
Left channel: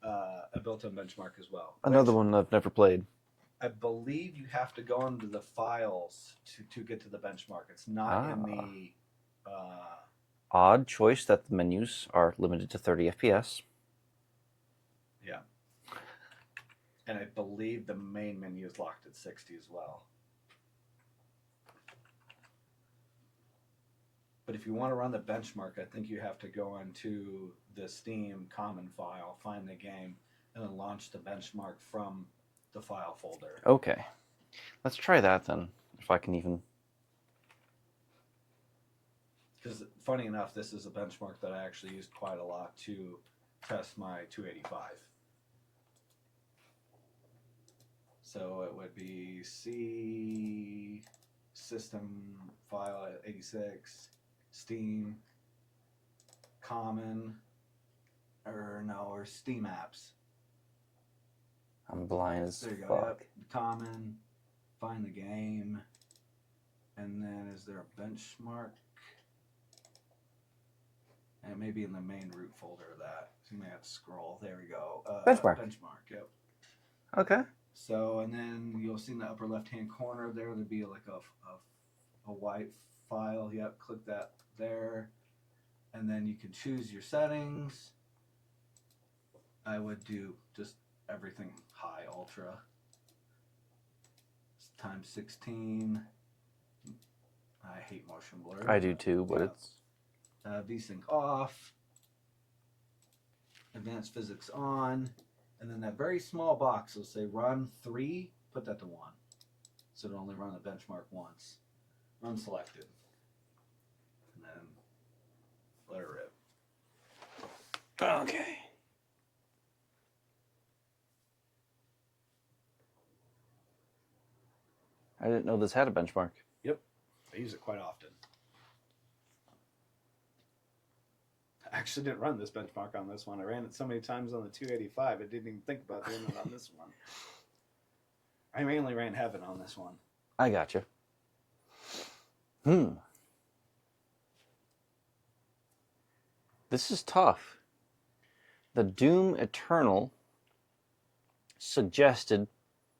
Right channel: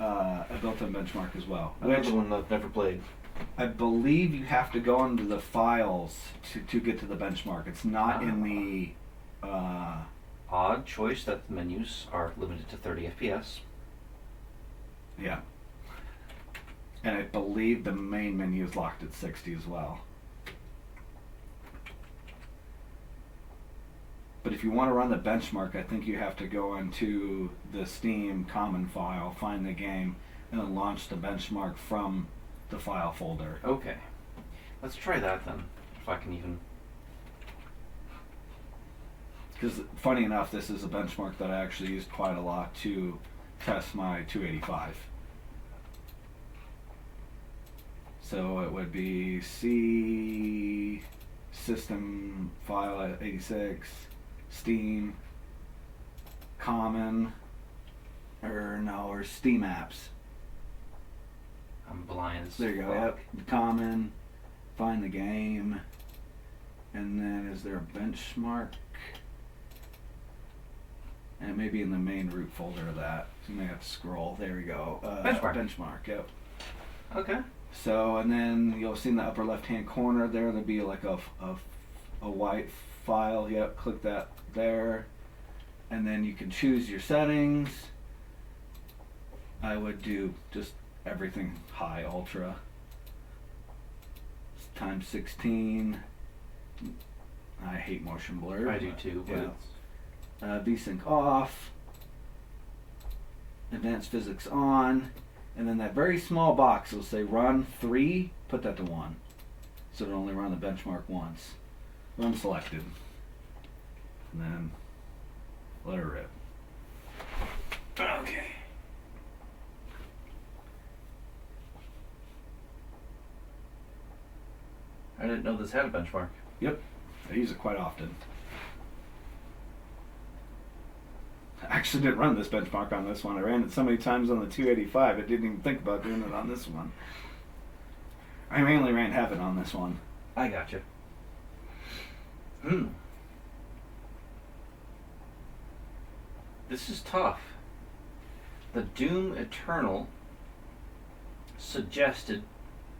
a built-in benchmark as well. Another one I've never played. I believe you have to go into the files to get to the benchmark. It's not in the... Odd choice that the menus are limited to 30 FPS. Yeah. And I believe the main menu is locked at 60 as well. But if you want to run the benchmark, I think you have to go into the Steam common file, find the game, and then launch the benchmark from the file folder. Okay. Let's try that then, if I can even... Because funny enough, this is a benchmark that I actually used quite a lot to test my 285. So it would be C system file 86, Steam, common, or Steam apps. I'm blind as There you go. fuck. Yep. Common, find the game, and then is there a benchmark? And maybe in the main root folder of that. So you may have to scroll. There we go. Benchmark, yep. Okay. So, and then you'll see in the upper left-hand corner there, there'll be like a white file. Yep, click that there. And then you can choose your settings. I would do just everything high, ultra. Times 16. I hate motion blur. I do too, but yeah. it's... VSync off, advanced physics on, and then that very small box will say run 3, put that to 1. So it'll only run the benchmark once. Run selected. And then let her rip. Okay. I didn't know this had a benchmark. Yep, I use it quite often. actually didn't run this benchmark on this one. I ran it so many times on the 285, I didn't even think about doing it on this one. I mainly ran Heaven on this one. I gotcha. This is tough. The Doom Eternal suggested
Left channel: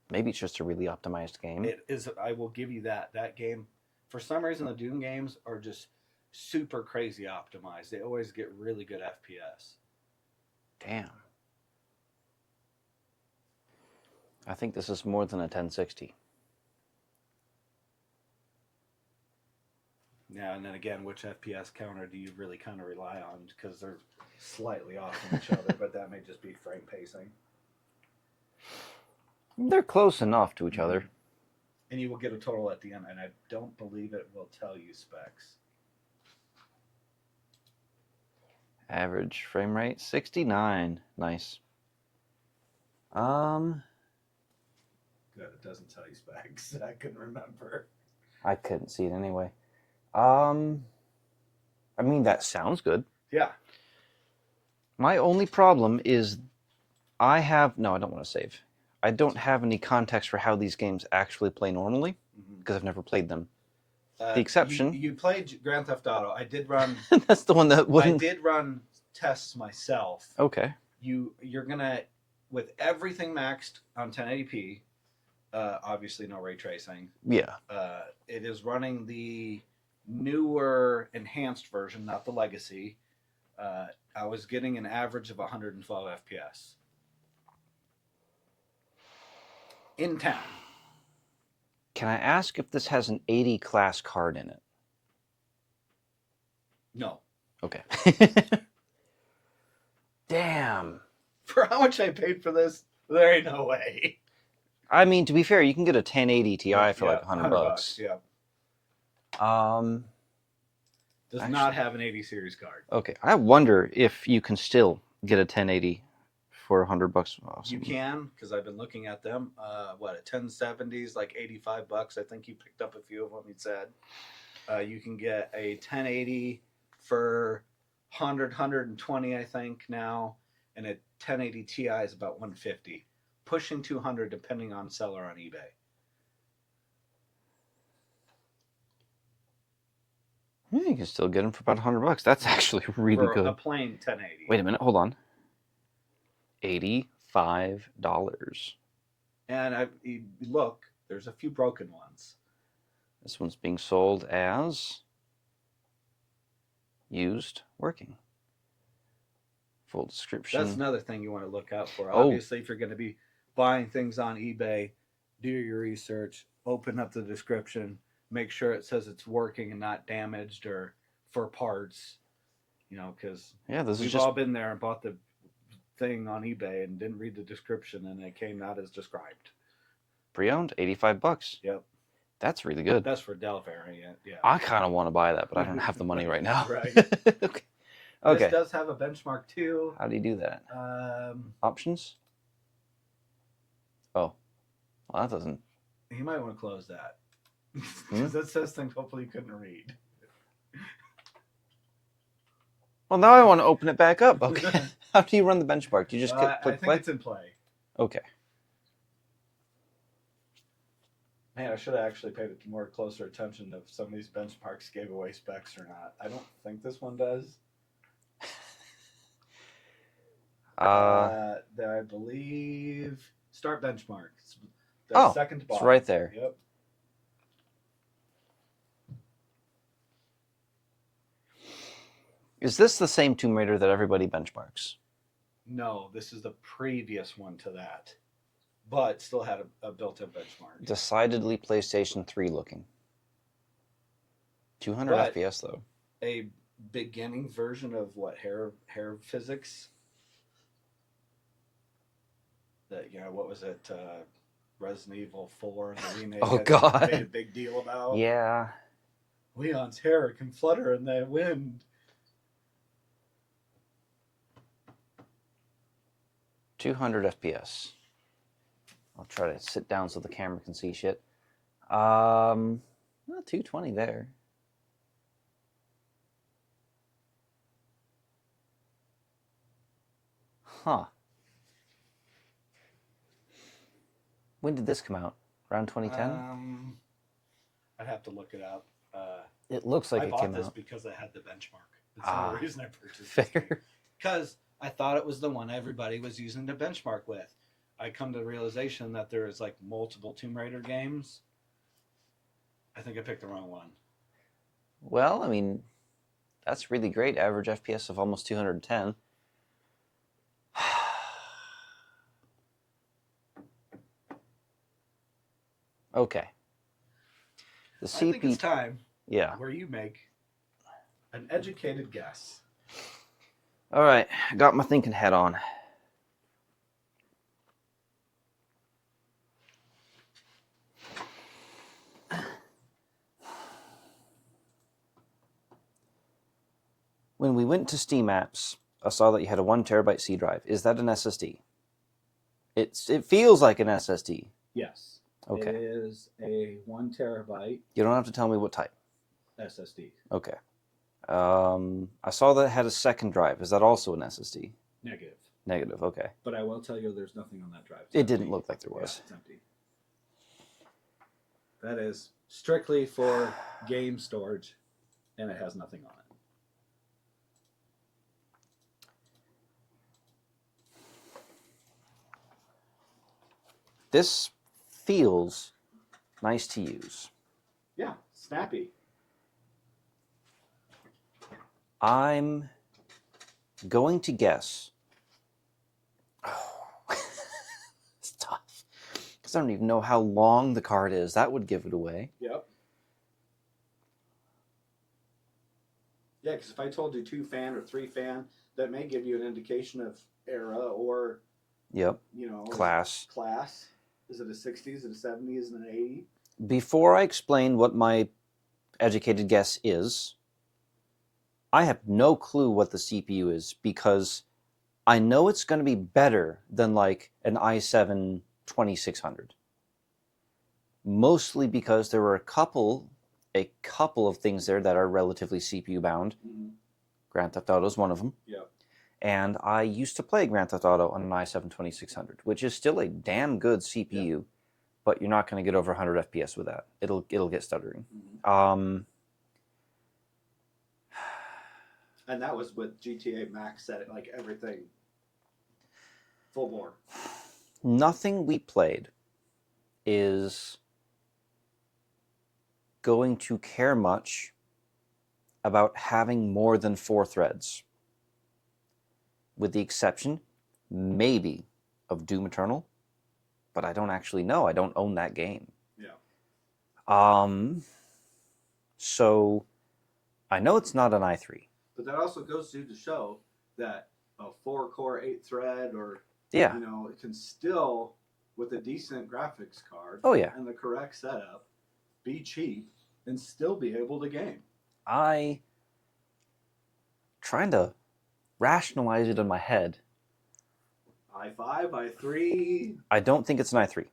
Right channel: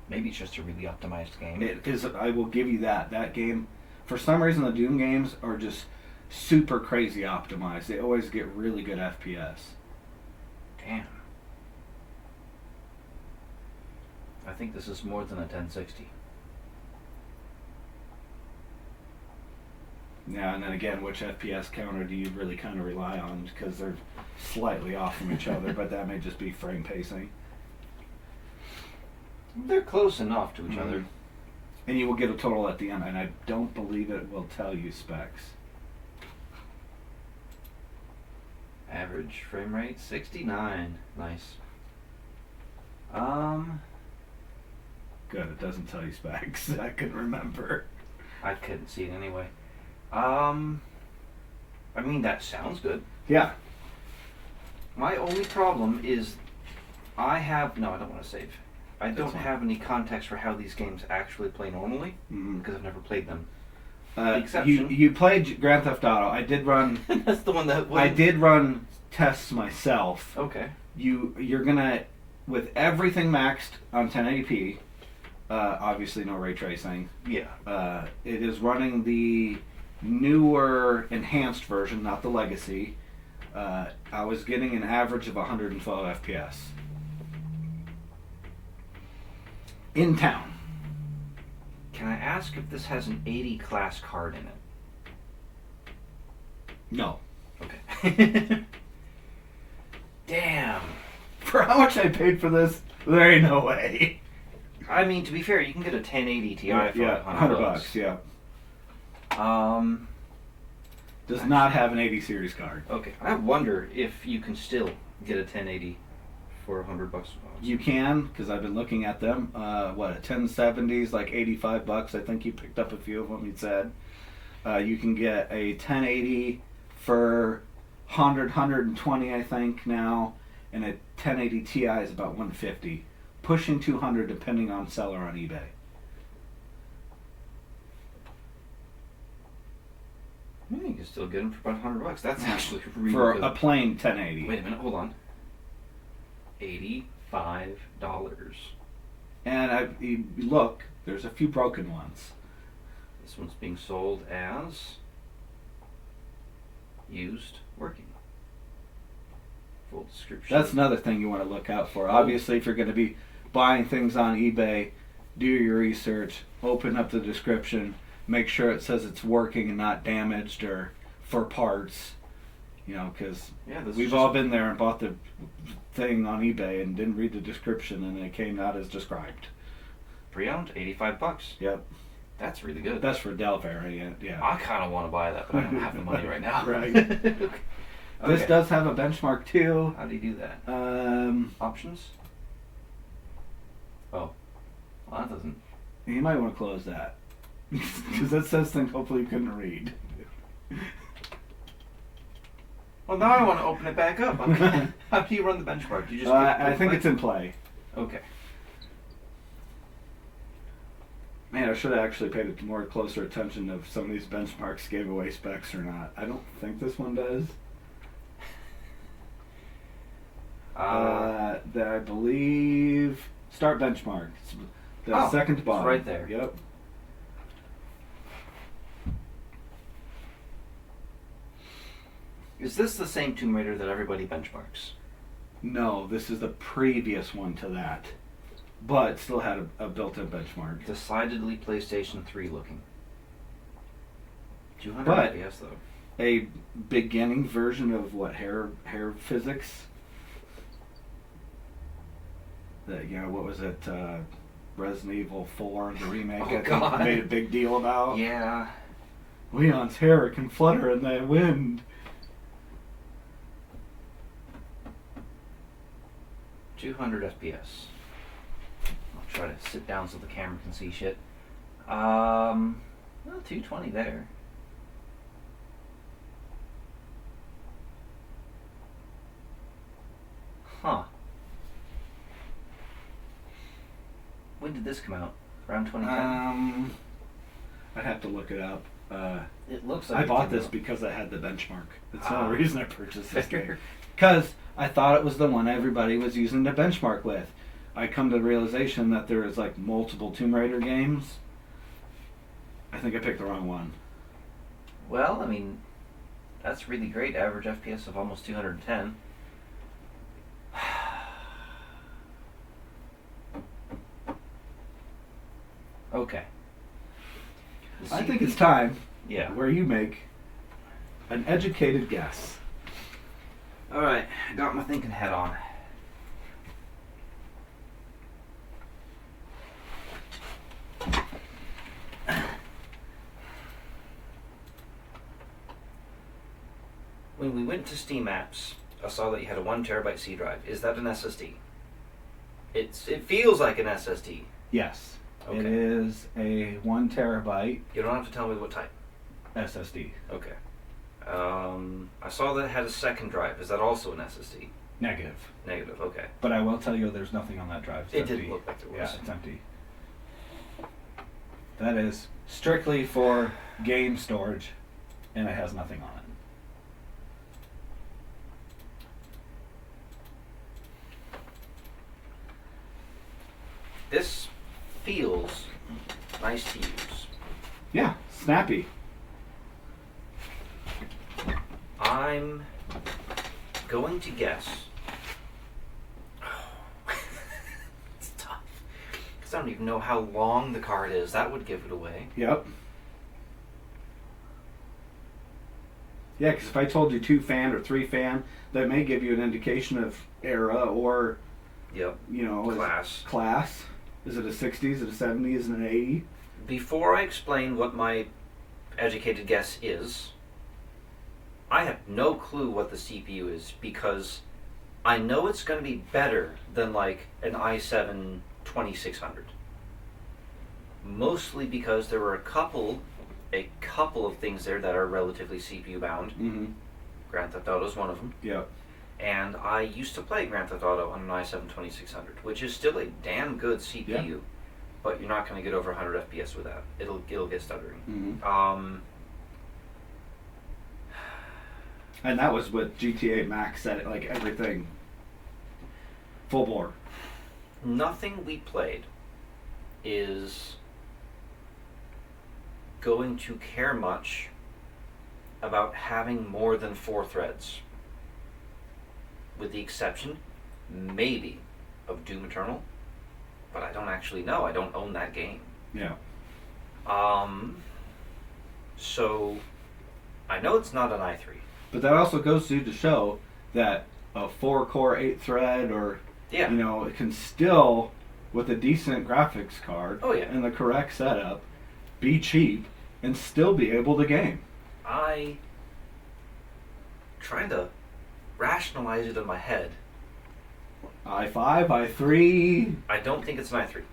maybe it's just a really optimized game. It is. I will give you that. That game, for some reason, the Doom games are just super crazy optimized. They always get really good FPS. Damn. I think this is more than a 1060. Yeah, and then again, which FPS counter do you really kind of rely on? Because they're slightly off from each other, but that may just be frame pacing. They're close enough to each other. And you will get a total at the end, and I don't believe it will tell you specs. Average frame rate 69. Nice. Good, it doesn't tell you specs. I can remember. I couldn't see it anyway. I mean, that sounds good. Yeah. My only problem is no, I don't want to save. I don't have any context for how these games actually play normally because I've never played them. The exception. You played Grand Theft Auto. I did run. That's the one that I did run tests myself. Okay. You're gonna, with everything maxed on 1080p, obviously no ray tracing. Yeah. It is running the newer enhanced version, not the legacy. I was getting an average of 112 FPS. In town. Can I ask if this has an 80 class card in it? No. Okay. Damn. For how much I paid for this, there ain't no way. I mean, to be fair, you can get a 1080 Ti for like $100. $100, yeah. Does actually not have an 80 series card. Okay. I wonder if you can still get a 1080 for $100. Awesome. You can, because I've been looking at them. A 1070's like $85. I think you picked up a few of them. You said you can get a 1080 for 120, I think now, and a 1080 Ti is about 150, pushing 200 depending on seller on eBay. Yeah, you can still get them for about $100. That's actually really for good. a plain 1080. Wait a minute, hold on. $85. And you look, there's a few broken ones. This one's being sold as used working. Full description. That's another thing you want to look out for. Obviously, if you're going to be buying things on eBay, do your research, open up the description, make sure it says it's working and not damaged or for parts. You know, because we've all been there and bought the thing on eBay and didn't read the description and it came out as described. Pre-owned, $85. Yep. That's really good. That's for Dell variant, yeah. I kind of want to buy that, but I don't have the money right now. Right. Okay. This does have a benchmark too. How do you do that? Options? Oh. Well, that doesn't... You might want to close that. Because that says things hopefully you couldn't read. Well, now I want to open it back up. Okay. How do you run the benchmark? Do you just I think it's in play. Okay. Man, I should have actually paid closer attention if some of these benchmarks gave away specs or not. I don't think this one does. I believe start benchmark. It's the second to bottom. It's right there. Yep. Is this the same Tomb Raider that everybody benchmarks? No, this is the previous one to that, but still had a built-in benchmark. Decidedly PlayStation 3 looking. 200 FPS though. A beginning version of hair physics. That what was it? Resident Evil 4, the remake. Oh God! Made a big deal about. Yeah. Leon's hair can flutter in the wind. 200 FPS. I'll try to sit down so the camera can see shit. 220 there. When did this come out? Around 2010? I'd have to look it up. It looks like I it bought came this out. because I had the benchmark. That's the only reason I purchased this Fair. game. Because I thought it was the one everybody was using to benchmark with. I come to the realization that there is like multiple Tomb Raider games. I think I picked the wrong one. Well, I mean, that's really great. Average FPS of almost 210. Okay. The I think CPU it's time Yeah. where you make an educated guess. All right. Got my thinking hat on. When we went to Steam Apps, I saw that you had a 1 terabyte C drive. Is that an SSD? It feels like an SSD. Yes. Okay. It is a 1 terabyte You don't have to tell me what type. SSD. Okay. I saw that it had a second drive. Is that also an SSD? Negative. Negative. Okay. But I will tell you there's nothing on that drive. It's It empty. didn't look like there Yeah, was. it's empty. That is strictly for game storage, and it has nothing on it. This feels nice to use. Yeah, snappy. I'm going to guess. It's tough. Because I don't even know how long the card is. That would give it away. Yep. Yeah, because if I told you 2 fan or 3 fan, that may give you an indication of era or, Yep. you know, Class. Class. Is it a 60? Is it a 70? Is it an 80? Before I explain what my educated guess is, I have no clue what the CPU is because I know it's going to be better than like an i7 2600. Mostly because there were a couple of things there that are relatively CPU bound. Mm-hmm. Grand Theft Auto is one of them. Yep. And I used to play Grand Theft Auto on an i7 2600, which is still a damn good CPU, Yeah. but you're not going to get over 100 FPS with that. It'll get stuttering. Mm-hmm. And that was with GTA Max at like everything full bore. Nothing we played is going to care much about having more than 4 threads. With the exception, maybe, of Doom Eternal, but I don't actually know. I don't own that game. Yeah. So I know it's not an i3. But that also goes to show that a 4-core 8-thread or Yeah. you know, it can still, with a decent graphics card Oh, yeah. and the correct setup, be cheap and still be able to game. I trying to rationalize it in my head. i5, i3. I don't think it's an i3.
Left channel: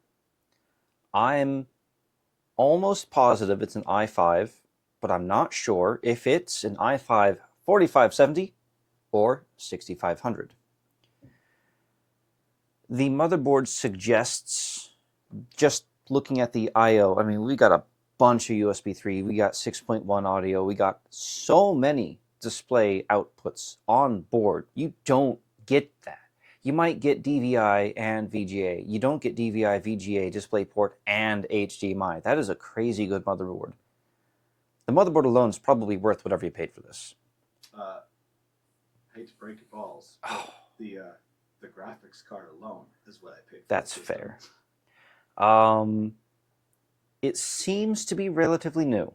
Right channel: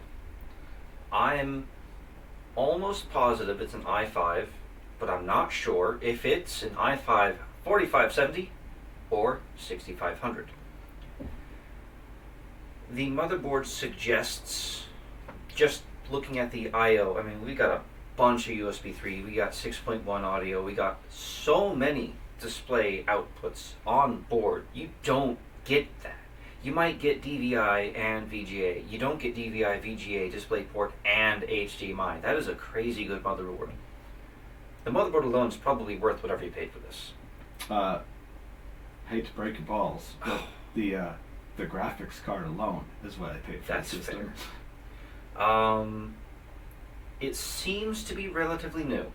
I'm almost positive it's an i5, but I'm not sure if it's an i5 4570 or 6500. The motherboard suggests, just looking at the I/O, I mean, we got a bunch of USB 3, we got 6.1 audio, we got so many display outputs on board. You don't get that. You might get DVI and VGA. You don't get DVI, VGA, DisplayPort, and HDMI. That is a crazy good motherboard. The motherboard alone is probably worth whatever you paid for this. Hate to break your balls, but the graphics card alone is what I paid for. That's this fair. system. It seems to be relatively new.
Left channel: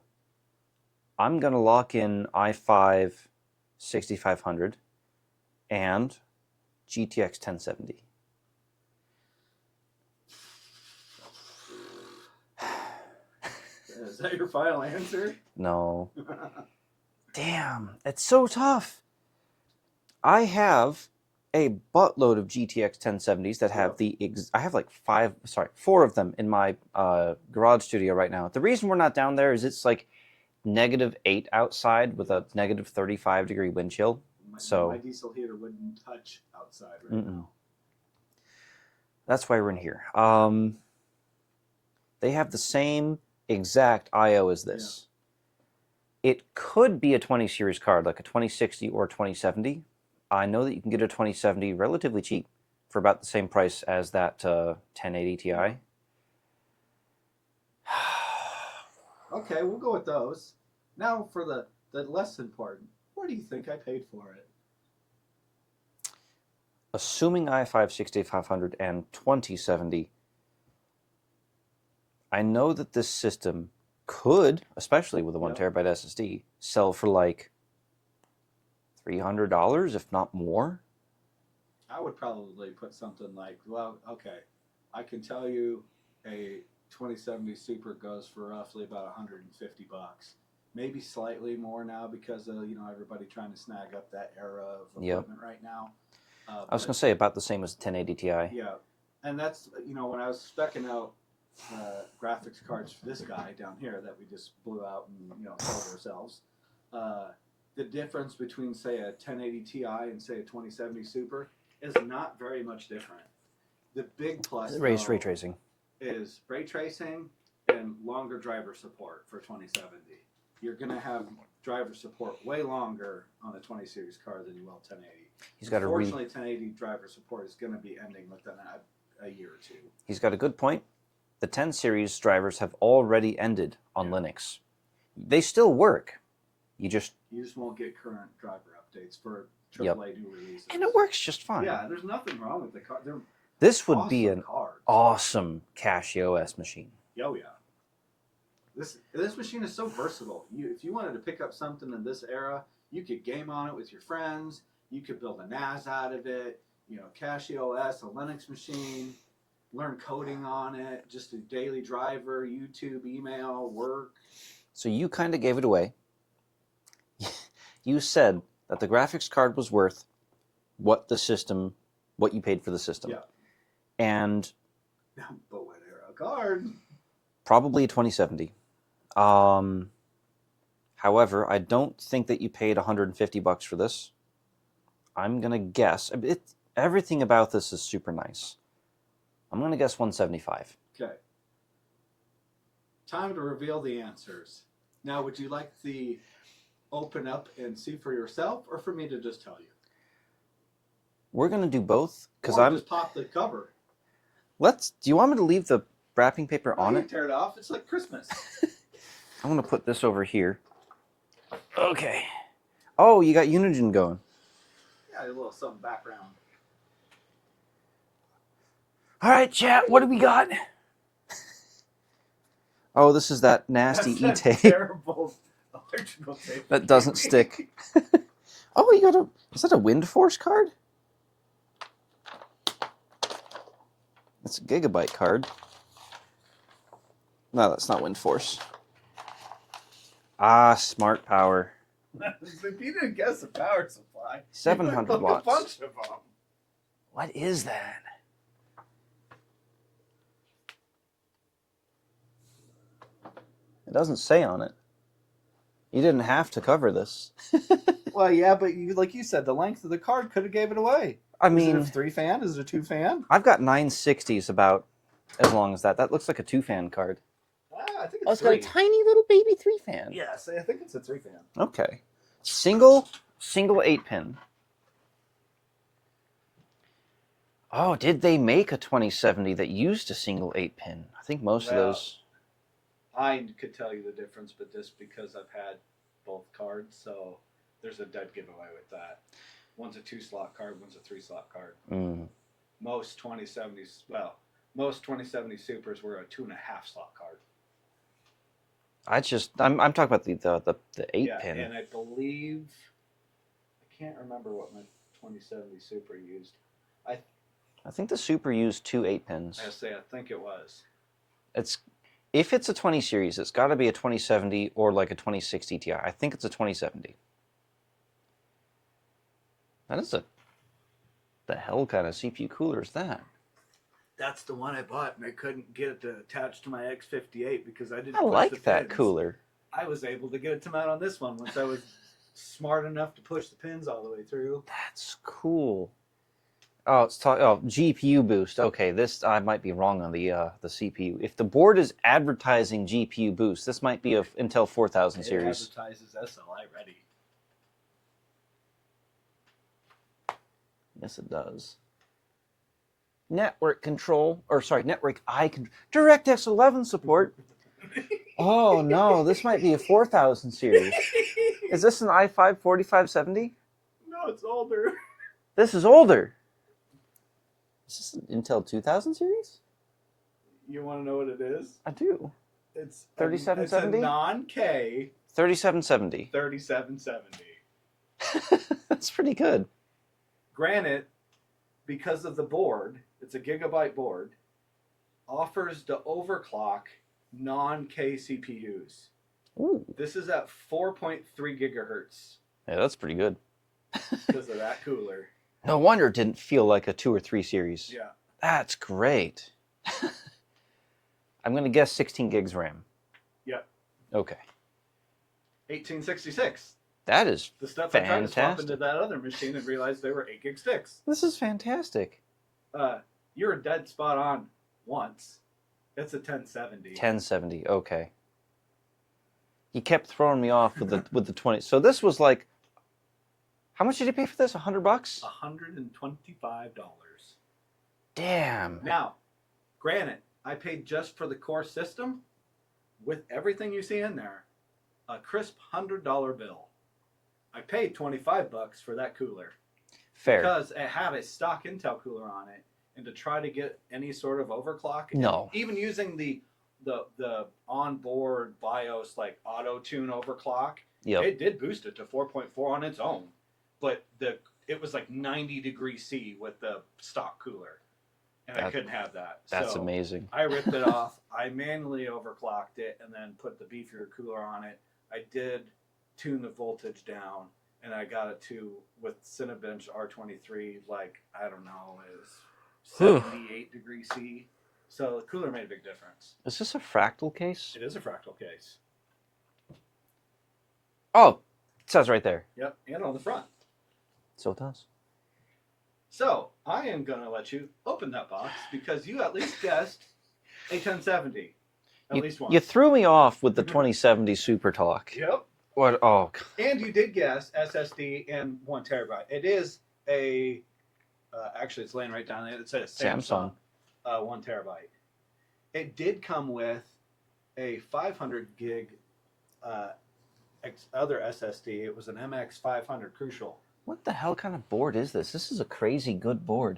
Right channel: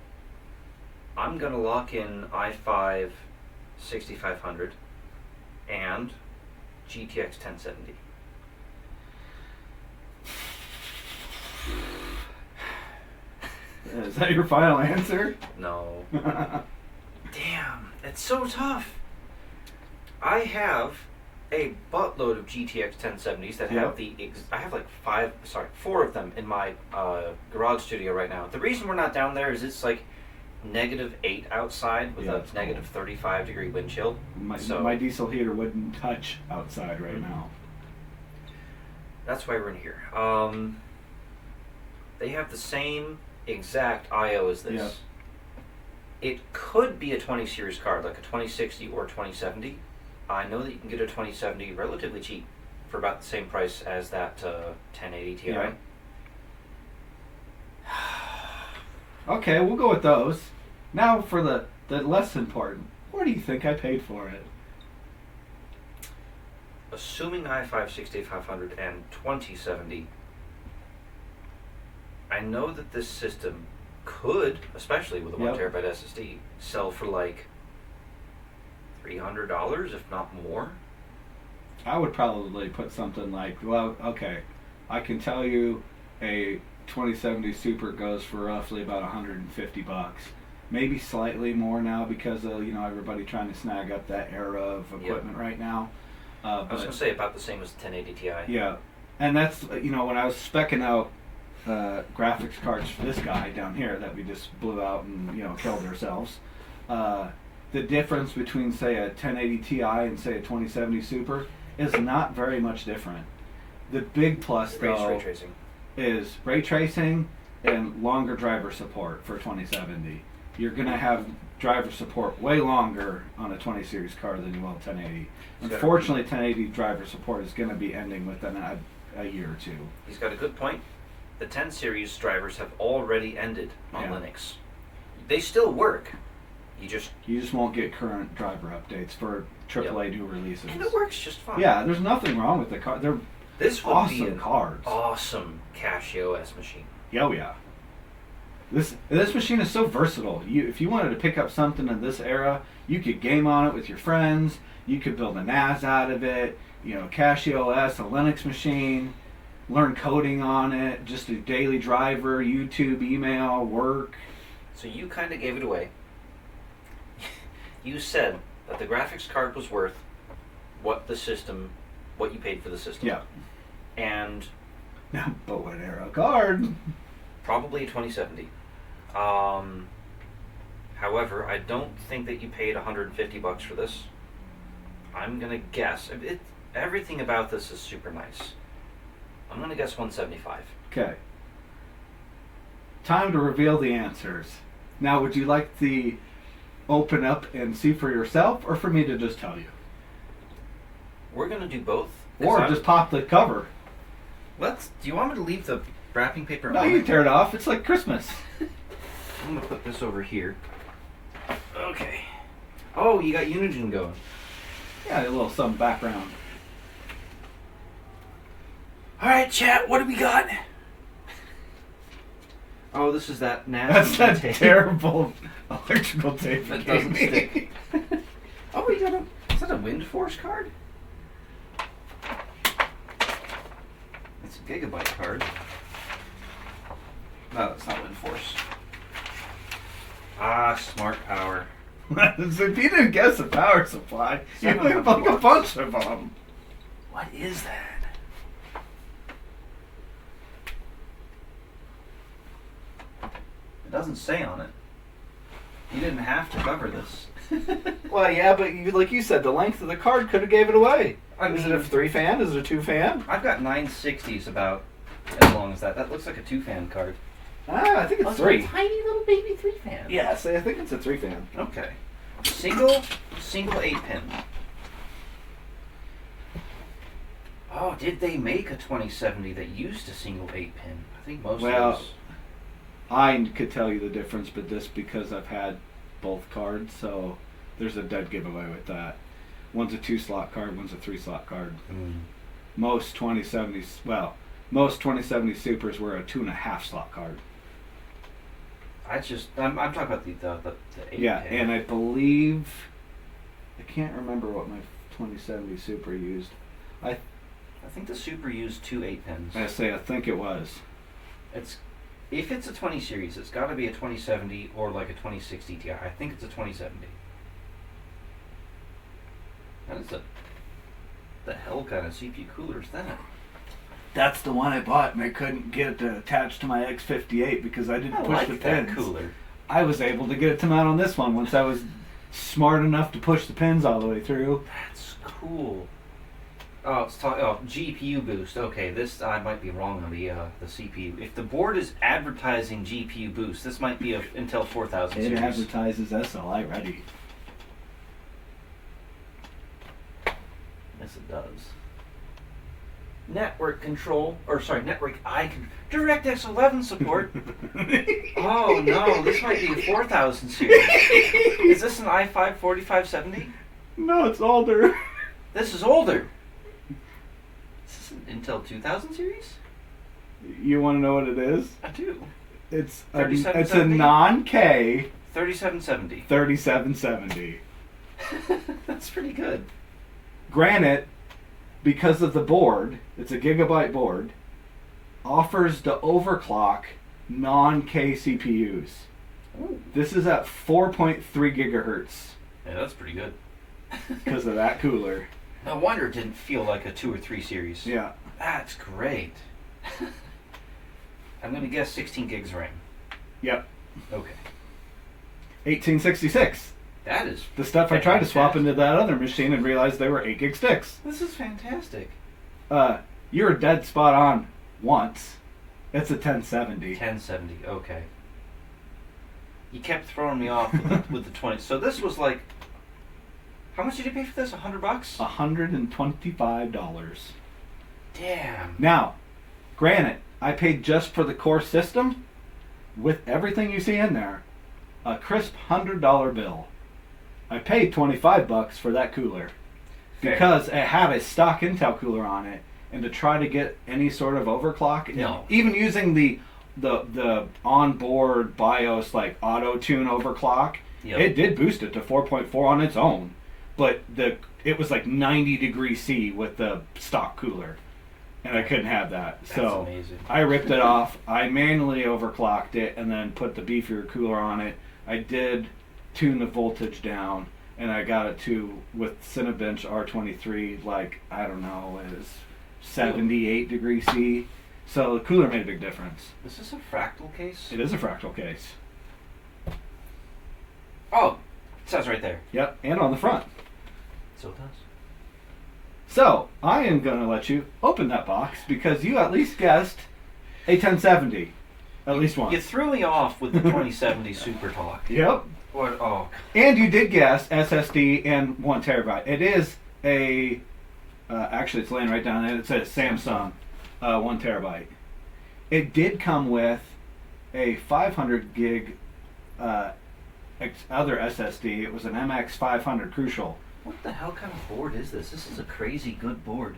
I'm gonna lock in i5 6500 and GTX 1070. Is that your final answer? No. Damn, it's so tough. I have a buttload of GTX 1070s that have I have like 4 of them in my garage studio right now. The reason we're not down there is it's like -8 outside with a negative 35-degree wind chill. My diesel heater wouldn't touch outside right now. That's why we're in here. They have the same exact I/O as this. It could be a 20 series card, like a 2060 or a 2070. I know that you can get a 2070 relatively cheap for about the same price as that 1080 Ti. Yeah. Okay, we'll go with those. Now for the less important. What do you think I paid for it? Assuming i5 6500 and 2070, I know that this system could, especially with a 1TB SSD, sell for like $300, if not more. I would probably put something like, well, okay, I can tell you a 2070 Super goes for roughly about $150. Maybe slightly more now because of everybody trying to snag up that era of equipment right now. I was going to say about the same as the 1080 Ti. Yeah, and that's when I was speccing out graphics cards for this guy down here that we just blew out and killed ourselves. The difference between say a 1080 Ti and say a 2070 Super is not very much different. The big plus though ray tracing is ray tracing and longer driver support for 2070. You're gonna have driver support way longer on a 20 series card than you will 1080. Unfortunately, 1080 driver support is gonna be ending within a year or two. He's got a good point. The 10 series drivers have already ended on Linux. They still work. You just won't get current driver updates for AAA new releases. And it works just fine. Yeah, there's nothing wrong with the card. They're This would awesome be an cards. awesome Casio OS machine. Oh yeah. This machine is so versatile. If you wanted to pick up something in this era, you could game on it with your friends. You could build a NAS out of it. Casio OS, a Linux machine. Learn coding on it. Just a daily driver, YouTube, email, work. So you kind of gave it away. You said that the graphics card was worth what you paid for the system. Yeah. And but what era card? Probably a 2070. However, I don't think that you paid $150 for this. I'm gonna guess everything about this is super nice. I'm gonna guess 175. Okay. Time to reveal the answers. Now, would you like the open up and see for yourself, or for me to just tell you? We're gonna do both. Or just pop the cover. Do you want me to leave the wrapping paper on? No, you can tear it off. It's like Christmas. I'm gonna put this over here. Okay. Oh, you got Unigine going. Yeah, a little some background. All right, chat. What do we got? Oh, this is that nasty That's that tape. terrible electrical tape. That doesn't stick. Oh, you got is that a Wind Force card? It's a Gigabyte card. No, that's not Wind Force. Ah, Smart Power. If you didn't guess the power supply, you would have a bunch of them. What is that? It doesn't say on it. You didn't have to cover this. Well, yeah, but like you said, the length of the card could have gave it away. I mean, is it a 3-fan? Is it a 2-fan? I've got 960s about as long as that. That looks like a 2-fan card. Ah, I think it's It's 3. a tiny little baby 3-fan. Yes, I think it's a 3-fan. Okay. Single 8-pin. Oh, did they make a 2070 that used a single 8-pin? I think most of those. I could tell you the difference, but just because I've had both cards, so there's a dead giveaway with that. One's a 2-slot card, one's a 3-slot card. Most 2070s, most 2070 Supers were a 2.5-slot card. I'm talking about the 8-pin. Yeah, and I believe, I can't remember what my 2070 Super used. I think the Super used 2 8-pins. I think it was. If it's a 20 series, it's got to be a 2070 or like a 2060 Ti. I think it's a 2070. That is the hell kind of CPU cooler is that? That's the one I bought, and I couldn't get it to attach to my X58 because I didn't push the pins. that cooler. I was able to get it to mount on this one once I was smart enough to push the pins all the way through. That's cool. Oh, GPU boost. Okay, this I might be wrong on the CPU. If the board is advertising GPU boost, this might be a Intel 4000 It series. advertises SLI ready. Yes, it does. Network I DirectX 11 support. Oh no, this might be a 4000 series. Is this an i5 4570? No, it's older. This is older. Is this an Intel 2000 series? You want to know what it is? I do. It's a 3770? non-K 3770. 3770. That's pretty good. Granted, because of the board, it's a gigabyte board, offers the overclock non-K CPUs. Ooh. This is at 4.3 gigahertz Yeah, that's pretty good. because of that cooler. No wonder it didn't feel like a 2 or 3 series. Yeah. That's great. I'm going to guess 16 gigs RAM. Yep. Okay. 1866. That is The stuff I tried to swap fantastic. into that other machine and realized they were 8 gig sticks. This is fantastic. You were dead spot on once. It's a 1070. 1070. Okay. You kept throwing me off with the 20. So this was like, how much did you pay for this? $100? $125. Damn. Now, granted, I paid just for the core system with everything you see in there, a crisp $100 bill. I paid $25 for that cooler Fair. because it had a stock Intel cooler on it, and to try to get any sort of overclock, No. even using the onboard BIOS like auto tune overclock, Yep. it did boost it to 4.4 on its own, but it was like 90 degrees C with the stock cooler, and I couldn't have that. That's So amazing. I ripped it off. I manually overclocked it and then put the beefier cooler on it. I did tune the voltage down, and I got it to, with Cinebench R23, like, I don't know, is 78 degrees C. So the cooler made a big difference. Is this a fractal case? It is a fractal case. Oh, it says right there. Yep, and on the front. So it does. So I am going to let you open that box because you at least guessed a 1070. At least once. You threw me off with the 2070 Super Talk. Yep. What? Oh, And you did guess SSD and 1 terabyte. It is a, actually it's laying right down there. It says Samsung, 1 terabyte. It did come with a 500 gig other SSD. It was an MX500 Crucial. what the hell kind of board is this? This is a crazy good board.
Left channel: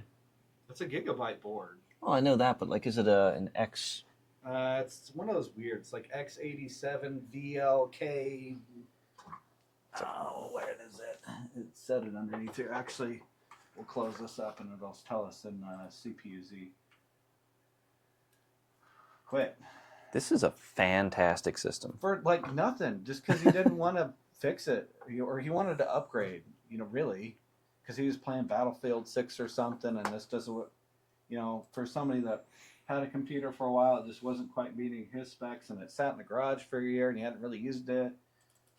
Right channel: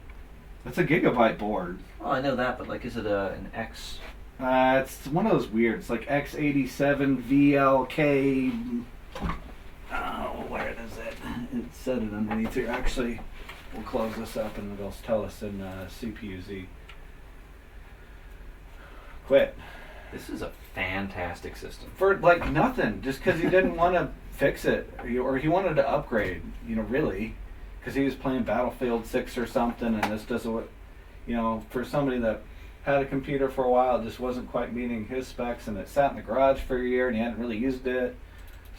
It's a gigabyte board. Oh, I know that, but like, is it an X? It's one of those weird. It's like X87 VLK. Oh, where is it? It said it underneath here. Actually, we'll close this up and it'll tell us in CPU-Z. Quit. This is a fantastic system. For like nothing, just because he didn't want to fix it, or he wanted to upgrade, really, because he was playing Battlefield 6 or something, and this doesn't what, for somebody that had a computer for a while, it just wasn't quite meeting his specs, and it sat in the garage for a year, and he hadn't really used it,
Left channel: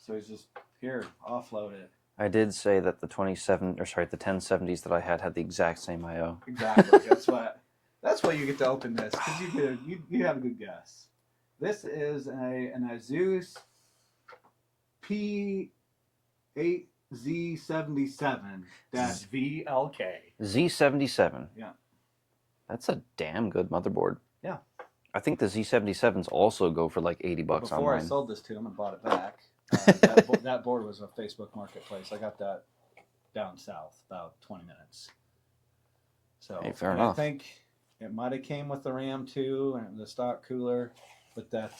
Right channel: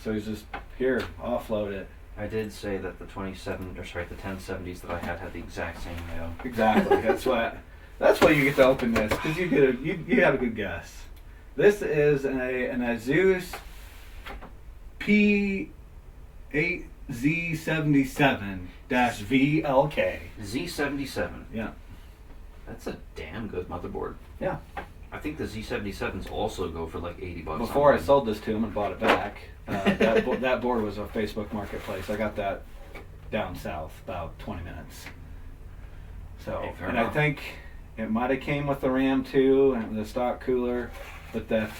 so he's just, here, offload it. I did say that the 1070s that I had the exact same I/O. Exactly. That's why you get to open this, because you had a good guess. This is an Asus P8Z77-VLK. Z77. Yeah. That's a damn good motherboard. Yeah. I think the Z77s also go for like $80 Before I online. sold this to him and bought it back, that board was a Facebook Marketplace. I got that down south, about 20 minutes. So, Hey, fair and enough. I think it might have came with the RAM too and the stock cooler, but that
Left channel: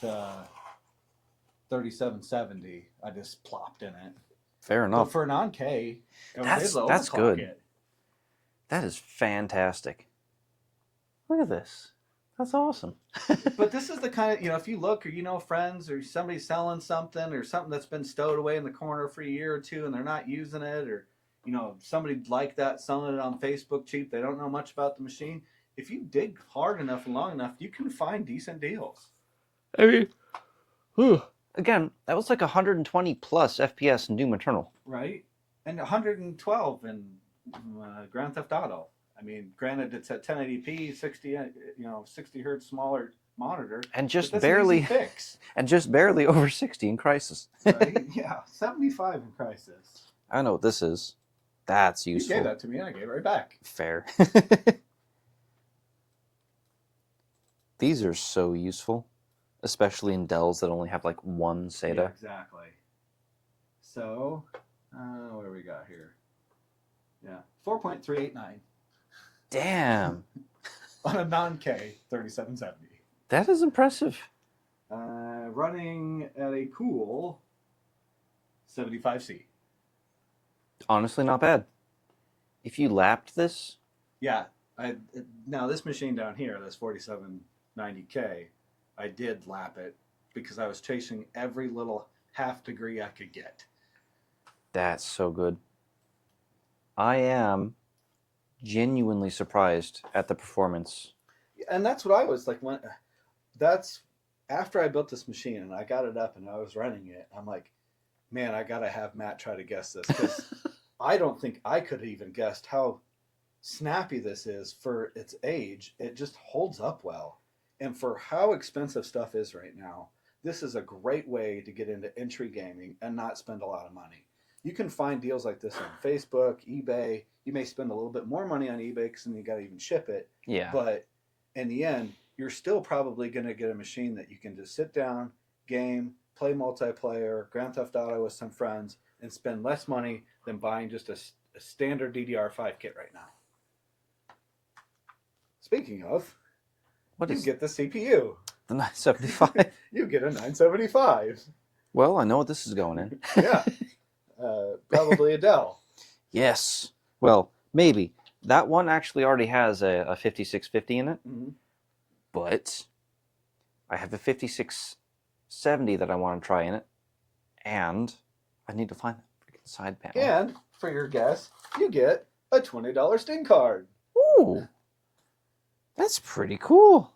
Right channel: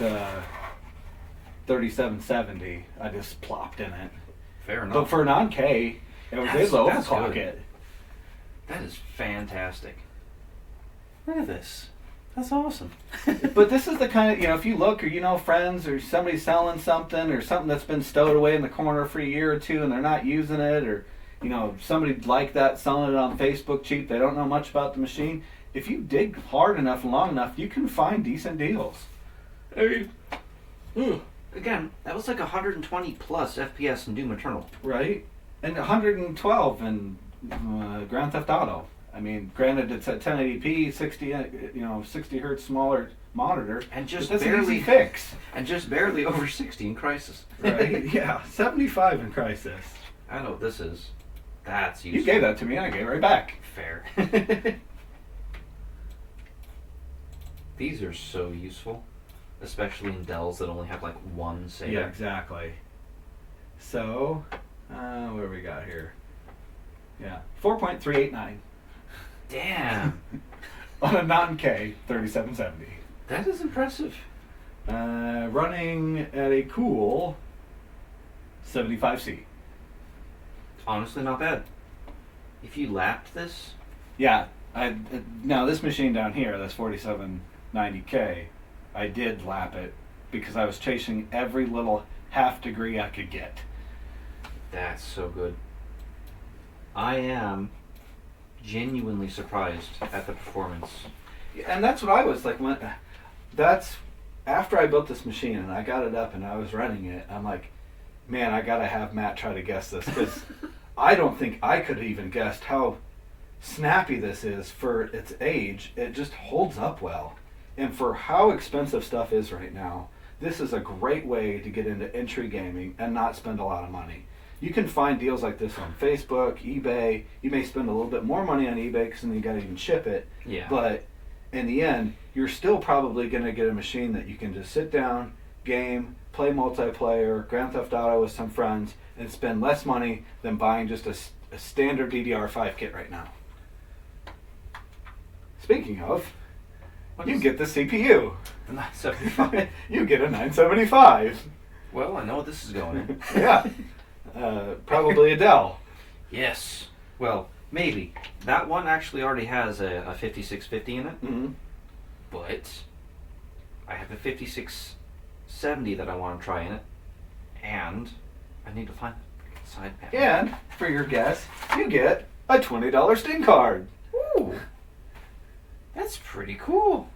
3770 I just plopped in it. Fair But enough. for non-K, it was able to that's overclock good. it. That is fantastic. Look at this. That's awesome. But this is the kind of, if you look, or friends, or somebody selling something, or something that's been stowed away in the corner for a year or two and they're not using it, or somebody like that selling it on Facebook cheap, they don't know much about the machine. If you dig hard enough and long enough, you can find decent deals. Again, that was like 120 plus FPS in Doom Eternal. Right? And 112 in Grand Theft Auto. I mean, granted, it's at 1080p, 60 hertz smaller monitor, And just that's barely an easy fix. and just barely over 60 in Crysis. Right? Yeah, 75 in Crysis. I know what this is. That's You useful. gave that to me, and I gave it right back. Fair. These are so useful, especially in Dells that only have like one SATA. Yeah, exactly. So, what do we got here? Yeah, 4.389 Damn, on a non-K 3770. that is impressive. Running at a cool 75C. Honestly, not bad. If you lapped this, Yeah, now this machine down here, this 4790K, I did lap it because I was chasing every little half degree I could get. that's so good. I am genuinely surprised at the performance. And that's what I was like. That's after I built this machine and I got it up and I was running it. I'm like, man, I gotta have Matt try to guess this because I don't think I could have even guessed how snappy this is for its age. It just holds up well, and for how expensive stuff is right now, this is a great way to get into entry gaming and not spend a lot of money. You can find deals like this on Facebook, eBay. You may spend a little bit more money on eBay because then you got to even ship it. Yeah. But in the end, you're still probably going to get a machine that you can just sit down, game, play multiplayer, Grand Theft Auto with some friends, and spend less money than buying just a standard DDR5 kit right now. Speaking of, you get the CPU. The 975. You get a 975. Well, I know what this is going in. Yeah. Probably a Dell. Yes. Well, maybe. That one actually already has a 5650 in it, Mm-hmm. but I have a 5670 that I want to try in it, and I need to find the side panel. And for your guess, you get a $20 Sting card. Ooh, that's pretty cool.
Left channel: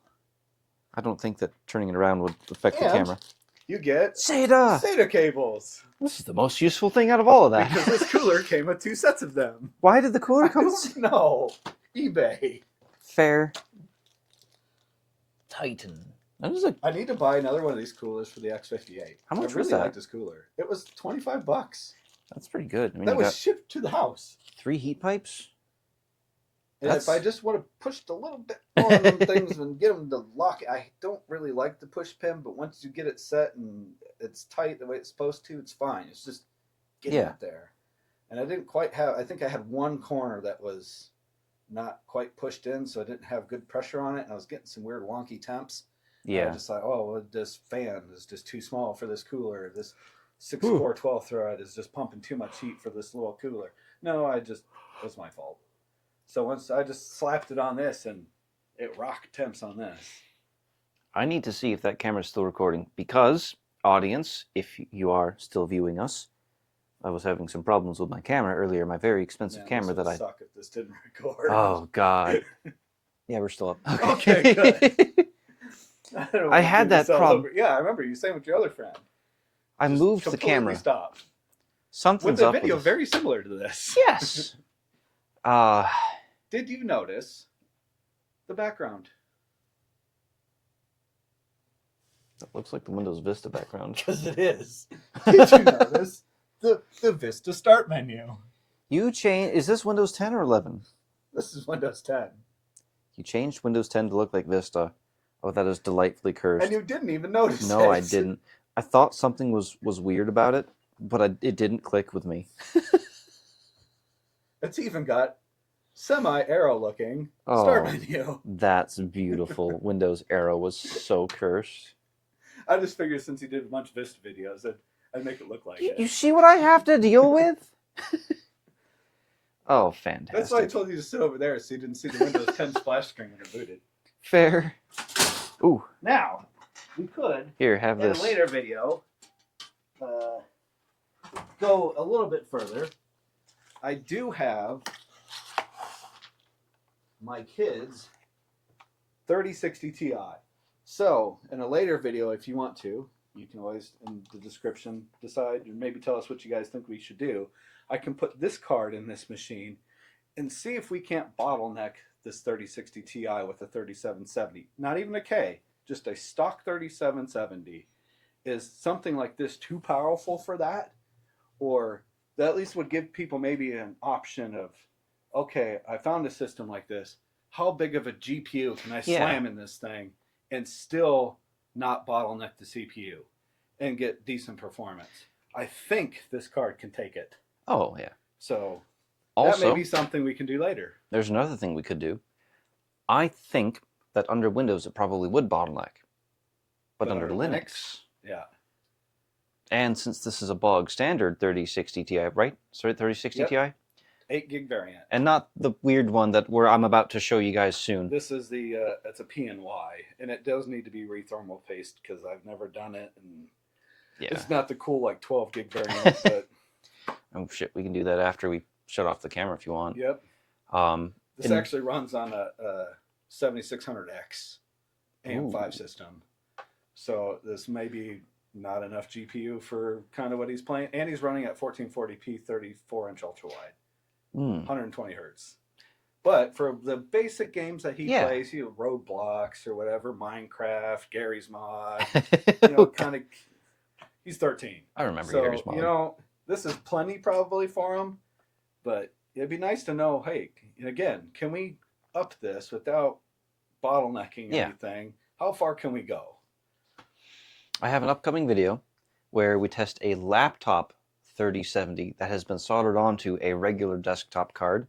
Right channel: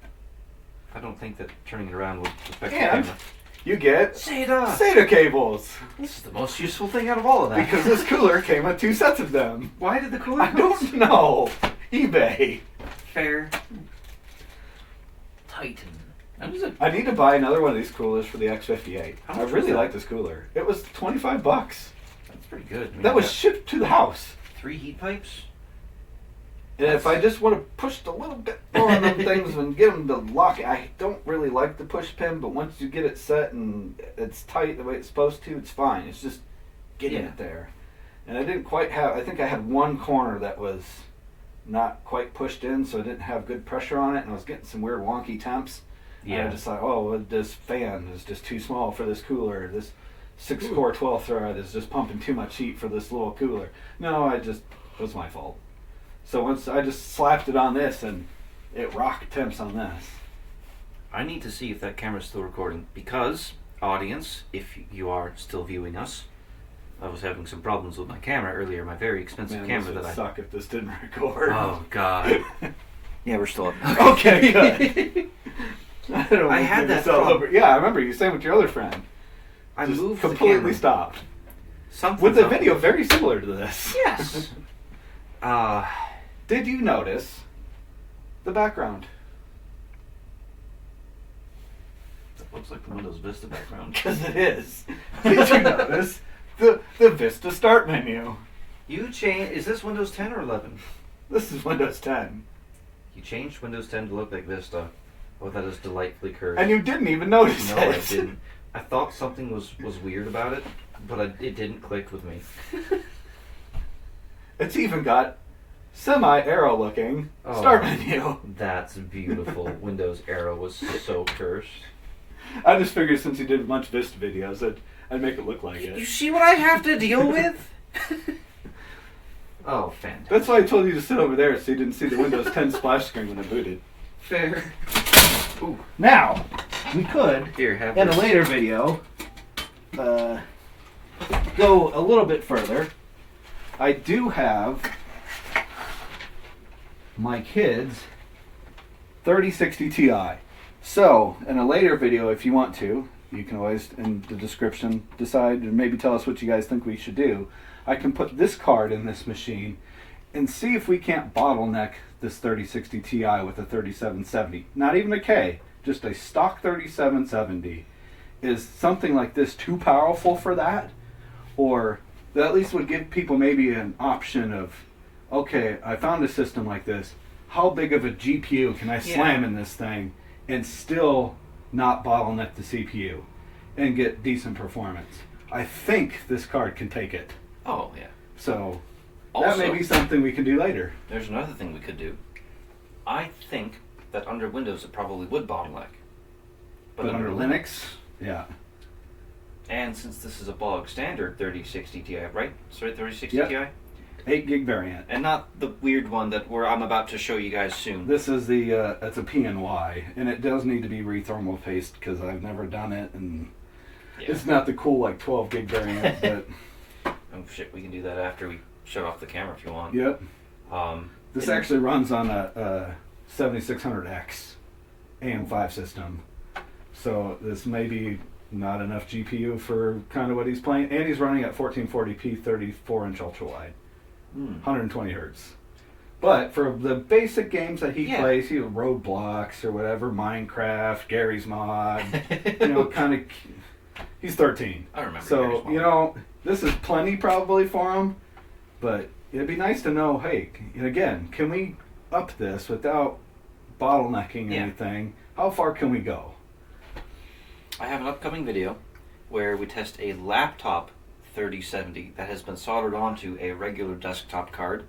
I don't think that turning it around would affect the And camera. you get SATA! SATA cables. This is the most useful thing out of all of that. Because this cooler came with 2 sets of them. Why did the cooler I cost? don't know. eBay. Fair. Titan. That was a I need to buy another one of these coolers for the X58. How I much was really that? like this cooler. It was $25. That's pretty good. That was shipped to the house. 3 heat pipes. And That's- if I just want to push a little bit more on them things and get them to lock it, I don't really like the push pin, but once you get it set and it's tight the way it's supposed to, it's fine. It's just getting Yeah. it there. And I didn't quite have, I think I had one corner that was not quite pushed in, so I didn't have good pressure on it, and I was getting some weird wonky temps. And I just thought, oh, well, this fan is just too small for this cooler. This 6-core 12 thread is just pumping too much heat for this little cooler. No, it was my fault. So once I just slapped it on this, and it rocked temps on this. I need to see if that camera's still recording because, audience, if you are still viewing us, I was having some problems with my camera earlier, my very expensive Man, camera this would that I... suck if this didn't record. Oh, God. Yeah, we're still up. Okay, good. I don't I wanna had do that this all problem. over. Yeah, I remember you saying with your other friend. I Just moved the completely camera. stopped. Something's With a up video with- very similar to this. Yes. Did you notice the background? That looks like the Windows Vista background. Because it is. Did you notice the Vista Start menu? You changed... Is this Windows 10 or 11? This is Windows 10. You changed Windows 10 to look like Vista. Oh, that is delightfully cursed. And you didn't even notice it. No, I didn't. I thought something was weird about it, but it didn't click with me. It's even got semi-arrow looking start menu. That's beautiful. Windows Arrow was so cursed. I just figured since you did much Vista videos, I'd make it look like You it. see what I have to deal with? Oh, fantastic. That's why I told you to sit over there so you didn't see the Windows 10 splash screen when I booted. Fair. Ooh, Now, we could, here, have in a this. later video, go a little bit further. I do have my kids' 3060 Ti. So, in a later video, if you want to, you can always, in the description, decide and maybe tell us what you guys think we should do. I can put this card in this machine and see if we can't bottleneck this 3060 Ti with a 3770. Not even a K, just a stock 3770. Is something like this too powerful for that? Or that at least would give people maybe an option of, okay, I found a system like this. How big of a GPU can I slam in this thing and still not bottleneck the CPU and get decent performance? I think this card can take it. Oh, yeah. So Also, that may be something we can do later. there's another thing we could do. I think that under Windows it probably would bottleneck. But under Linux, yeah. and since this is a bog standard 3060 Ti, right? Sorry, 3060 Yep. Ti? 8 gig variant. And not the weird one that I'm about to show you guys soon. This is the, it's a PNY, and it does need to be re-thermal paced because I've never done it, and it's not the cool, like, 12 gig variant, but... Oh shit, we can do that after we shut off the camera if you want. Yep. This and- actually runs on a 7600X AM5 system. So this may be not enough GPU for kind of what he's playing. And he's running at 1440p 34-inch ultra-wide. 120 hertz. But for the basic games that he plays, Roadblocks or whatever, Minecraft, Gary's Mod, kind of... He's 13. I remember So, Gary's Mod. this is plenty probably for him. But it'd be nice to know, hey, again, can we up this without bottlenecking anything? How far can we go? I have an upcoming video where we test a laptop 3070 that has been soldered onto a regular desktop card,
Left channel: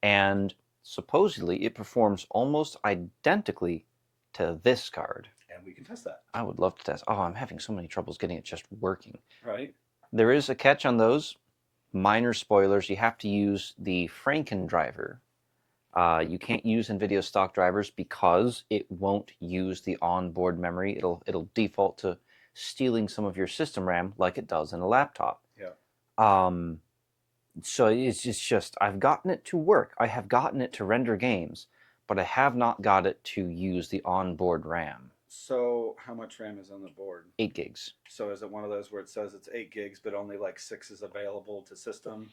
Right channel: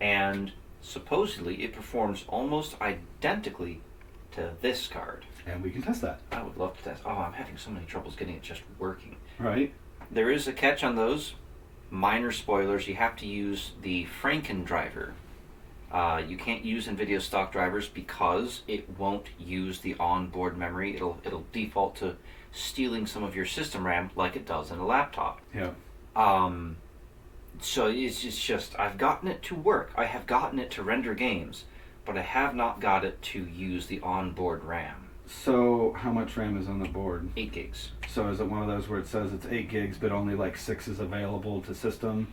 and supposedly it performs almost identically to this card. And we can test that. I would love to test. Oh, I'm having so many troubles getting it just working. Right. There is a catch on those. Minor spoilers. You have to use the Franken driver. You can't use NVIDIA stock drivers because it won't use the onboard memory. It'll default to stealing some of your system RAM like it does in a laptop. Yeah. So it's just I've gotten it to work. I have gotten it to render games, but I have not got it to use the onboard RAM. So how much RAM is on the board? 8 gigs. So is it one of those where it says it's 8 gigs, but only like 6 is available to system?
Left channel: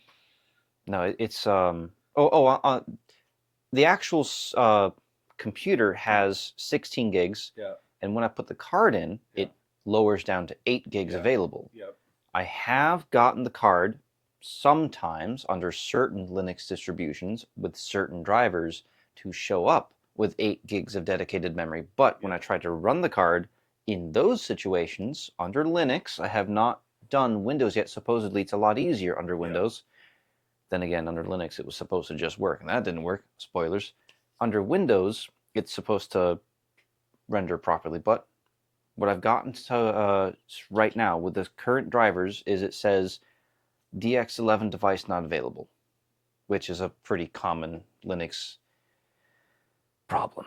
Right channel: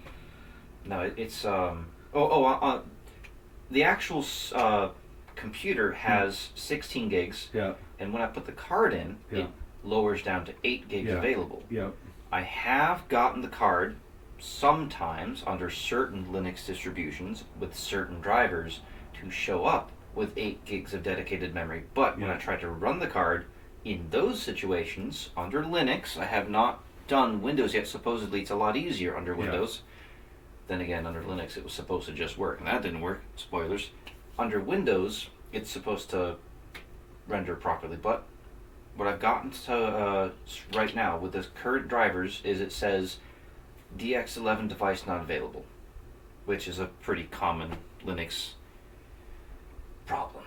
No, it's the actual computer has 16 gigs. Yeah. And when I put the card in, Yeah. it lowers down to 8 gigs available. Yep. I have gotten the card sometimes under certain Linux distributions with certain drivers to show up with 8 gigs of dedicated memory. But when I try to run the card in those situations under Linux, I have not done Windows yet. Supposedly it's a lot easier under Windows. Then again, under Linux it was supposed to just work, and that didn't work. Spoilers. Under Windows, it's supposed to render properly, but what I've gotten to right now with the current drivers is it says DX11 device not available, which is a pretty common Linux problem.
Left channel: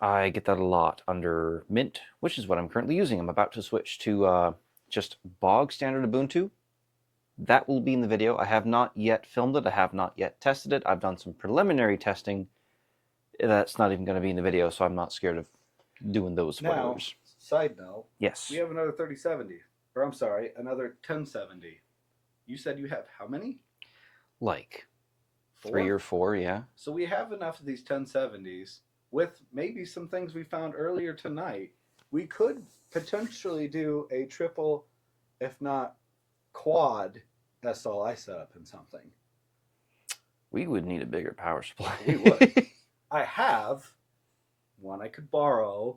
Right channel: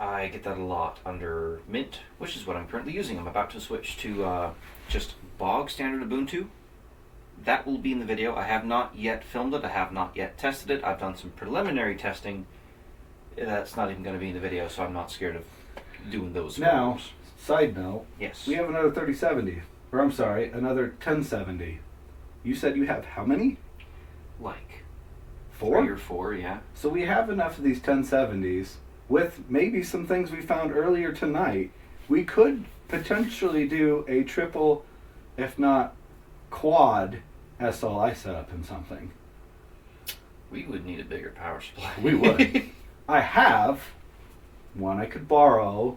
I get that a lot under Mint, which is what I'm currently using. I'm about to switch to just bog standard Ubuntu. That will be in the video. I have not yet filmed it. I have not yet tested it. I've done some preliminary testing. That's not even going to be in the video, so I'm not scared of doing those Now, photos. side note, Yes. we have another 3070. Or I'm sorry, another 1070. You said you have how many? Like 4? 3 or 4, yeah. So we have enough of these 1070s with maybe some things we found earlier tonight. We could potentially do a triple, if not quad, SLI setup in something. We would need a bigger power supply. We would. I have one I could borrow.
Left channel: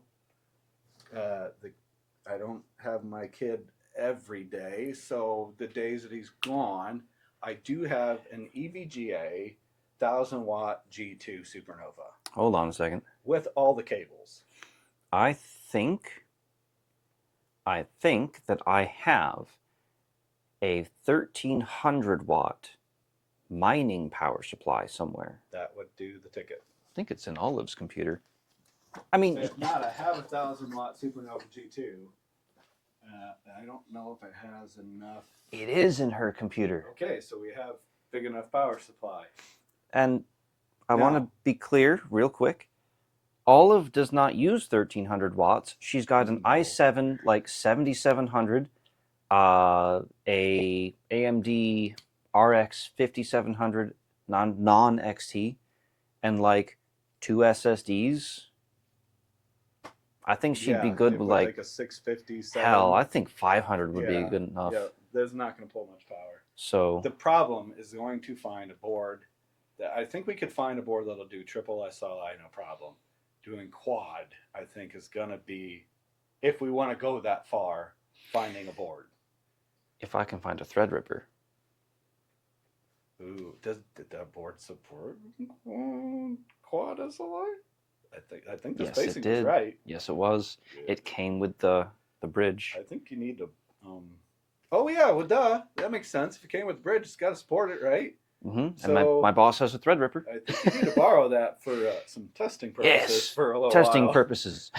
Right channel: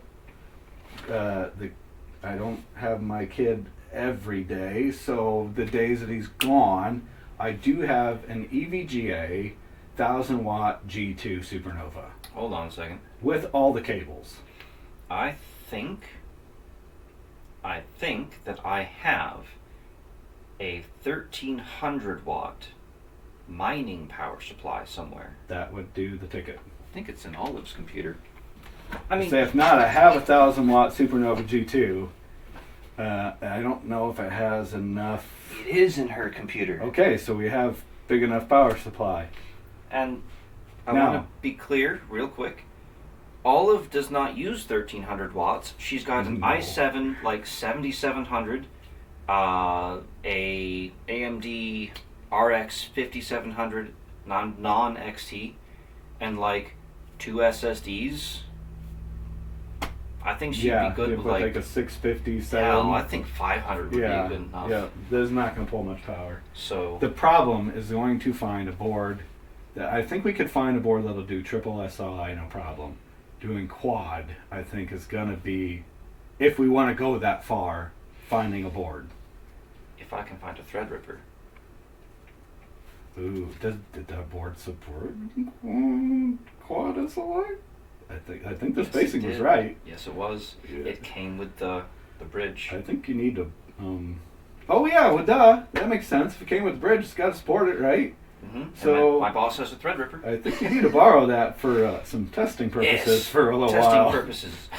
I don't have my kid every day, so the days that he's gone, I do have an EVGA 1000 watt G2 Supernova Hold on a second. with all the cables. I think that I have a 1300 watt mining power supply somewhere. That would do the ticket. I think it's in Olive's computer. I mean, So if not, I have a 1000 watt Supernova G2. I don't know if it has enough. it is in her computer. Okay, so we have big enough power supply. And I Now- want to be clear real quick. Olive does not use 1300 watts. She's got an No. i7 like 7700, a AMD RX 5700, non XT, and like 2 SSDs, I think she'd be good you with put like a 650, hell. I think 500 would yeah, be good enough. yeah, that's not going to pull much power. So The problem is going to find a board that I think we could find a board that'll do triple SLI no problem. Doing quad, I think, is going to be, if we want to go that far, finding a board. if I can find a Threadripper. Ooh, did that board support quad SLI? I think the Yes, spacing it was did. right. Yes, it was. Yeah. It came with the bridge. I think you need to. Oh yeah, well duh, that makes sense. If it came with the bridge, it's got to support it, right? Mm-hmm. So- And my boss has a Threadripper. I think you need to borrow that for some testing purposes Yes, for a little testing while. purposes.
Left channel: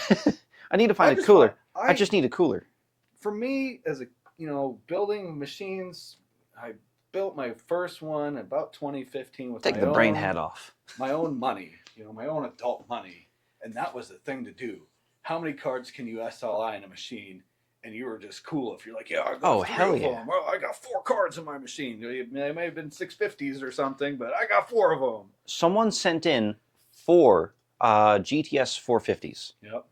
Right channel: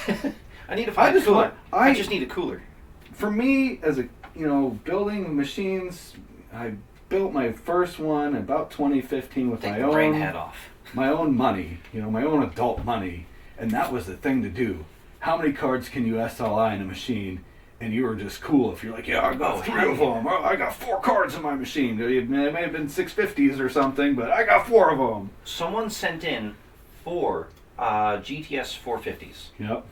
I need to find a just cooler. want- I just need a cooler. For me, as a building machines, I built my first one about 2015 with Take my the own brain head off. my own money, my own adult money, and that was the thing to do. How many cards can you SLI in a machine? And you were just cool if you're like, yeah, I got 3 hell of yeah. them. Oh, I got 4 cards in my machine. It may have been 650s or something, but I got 4 of them. Someone sent in 4 GTS 450s. Yep.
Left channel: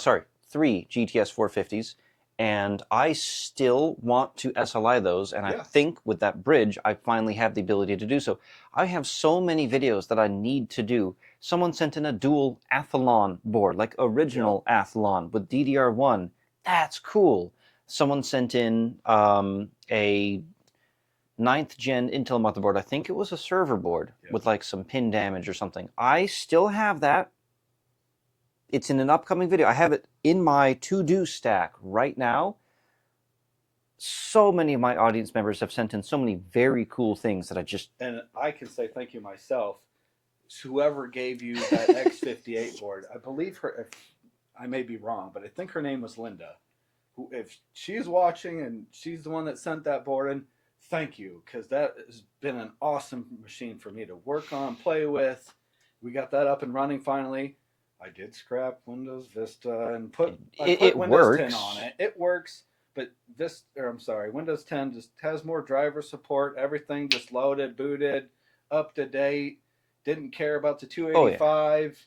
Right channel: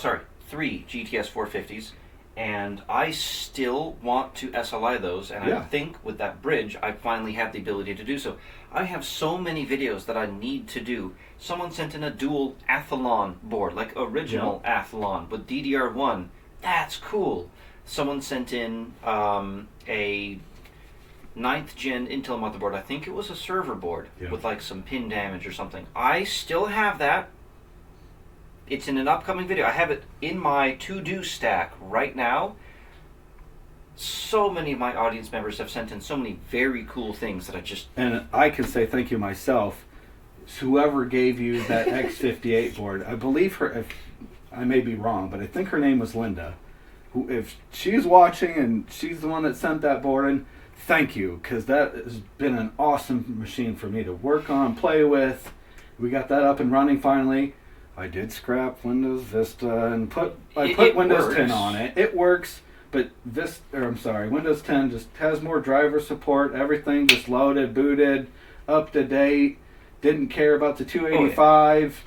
Sorry, 3 GTS 450s. And I still want to SLI those, and Yeah. I think with that bridge, I finally have the ability to do so. I have so many videos that I need to do. Someone sent in a dual Athlon board, like original Athlon with DDR1. That's cool. Someone sent in a 9th gen Intel motherboard. I think it was a server board Yeah. with like some pin damage or something. I still have that. It's in an upcoming video. I have it in my to-do stack right now. So many of my audience members have sent in so many very cool things that I just... And I can say thank you myself. Whoever gave you that X58 board, I believe her, if I may be wrong, but I think her name was Linda. Who, if she's watching and she's the one that sent that board in, thank you, because that has been an awesome machine for me to work on, play with. We got that up and running finally. I did scrap Windows Vista and put It Windows 10 works. on it. It works, but Windows 10 just has more driver support. Everything just loaded, booted, up to date. Didn't care about the 285.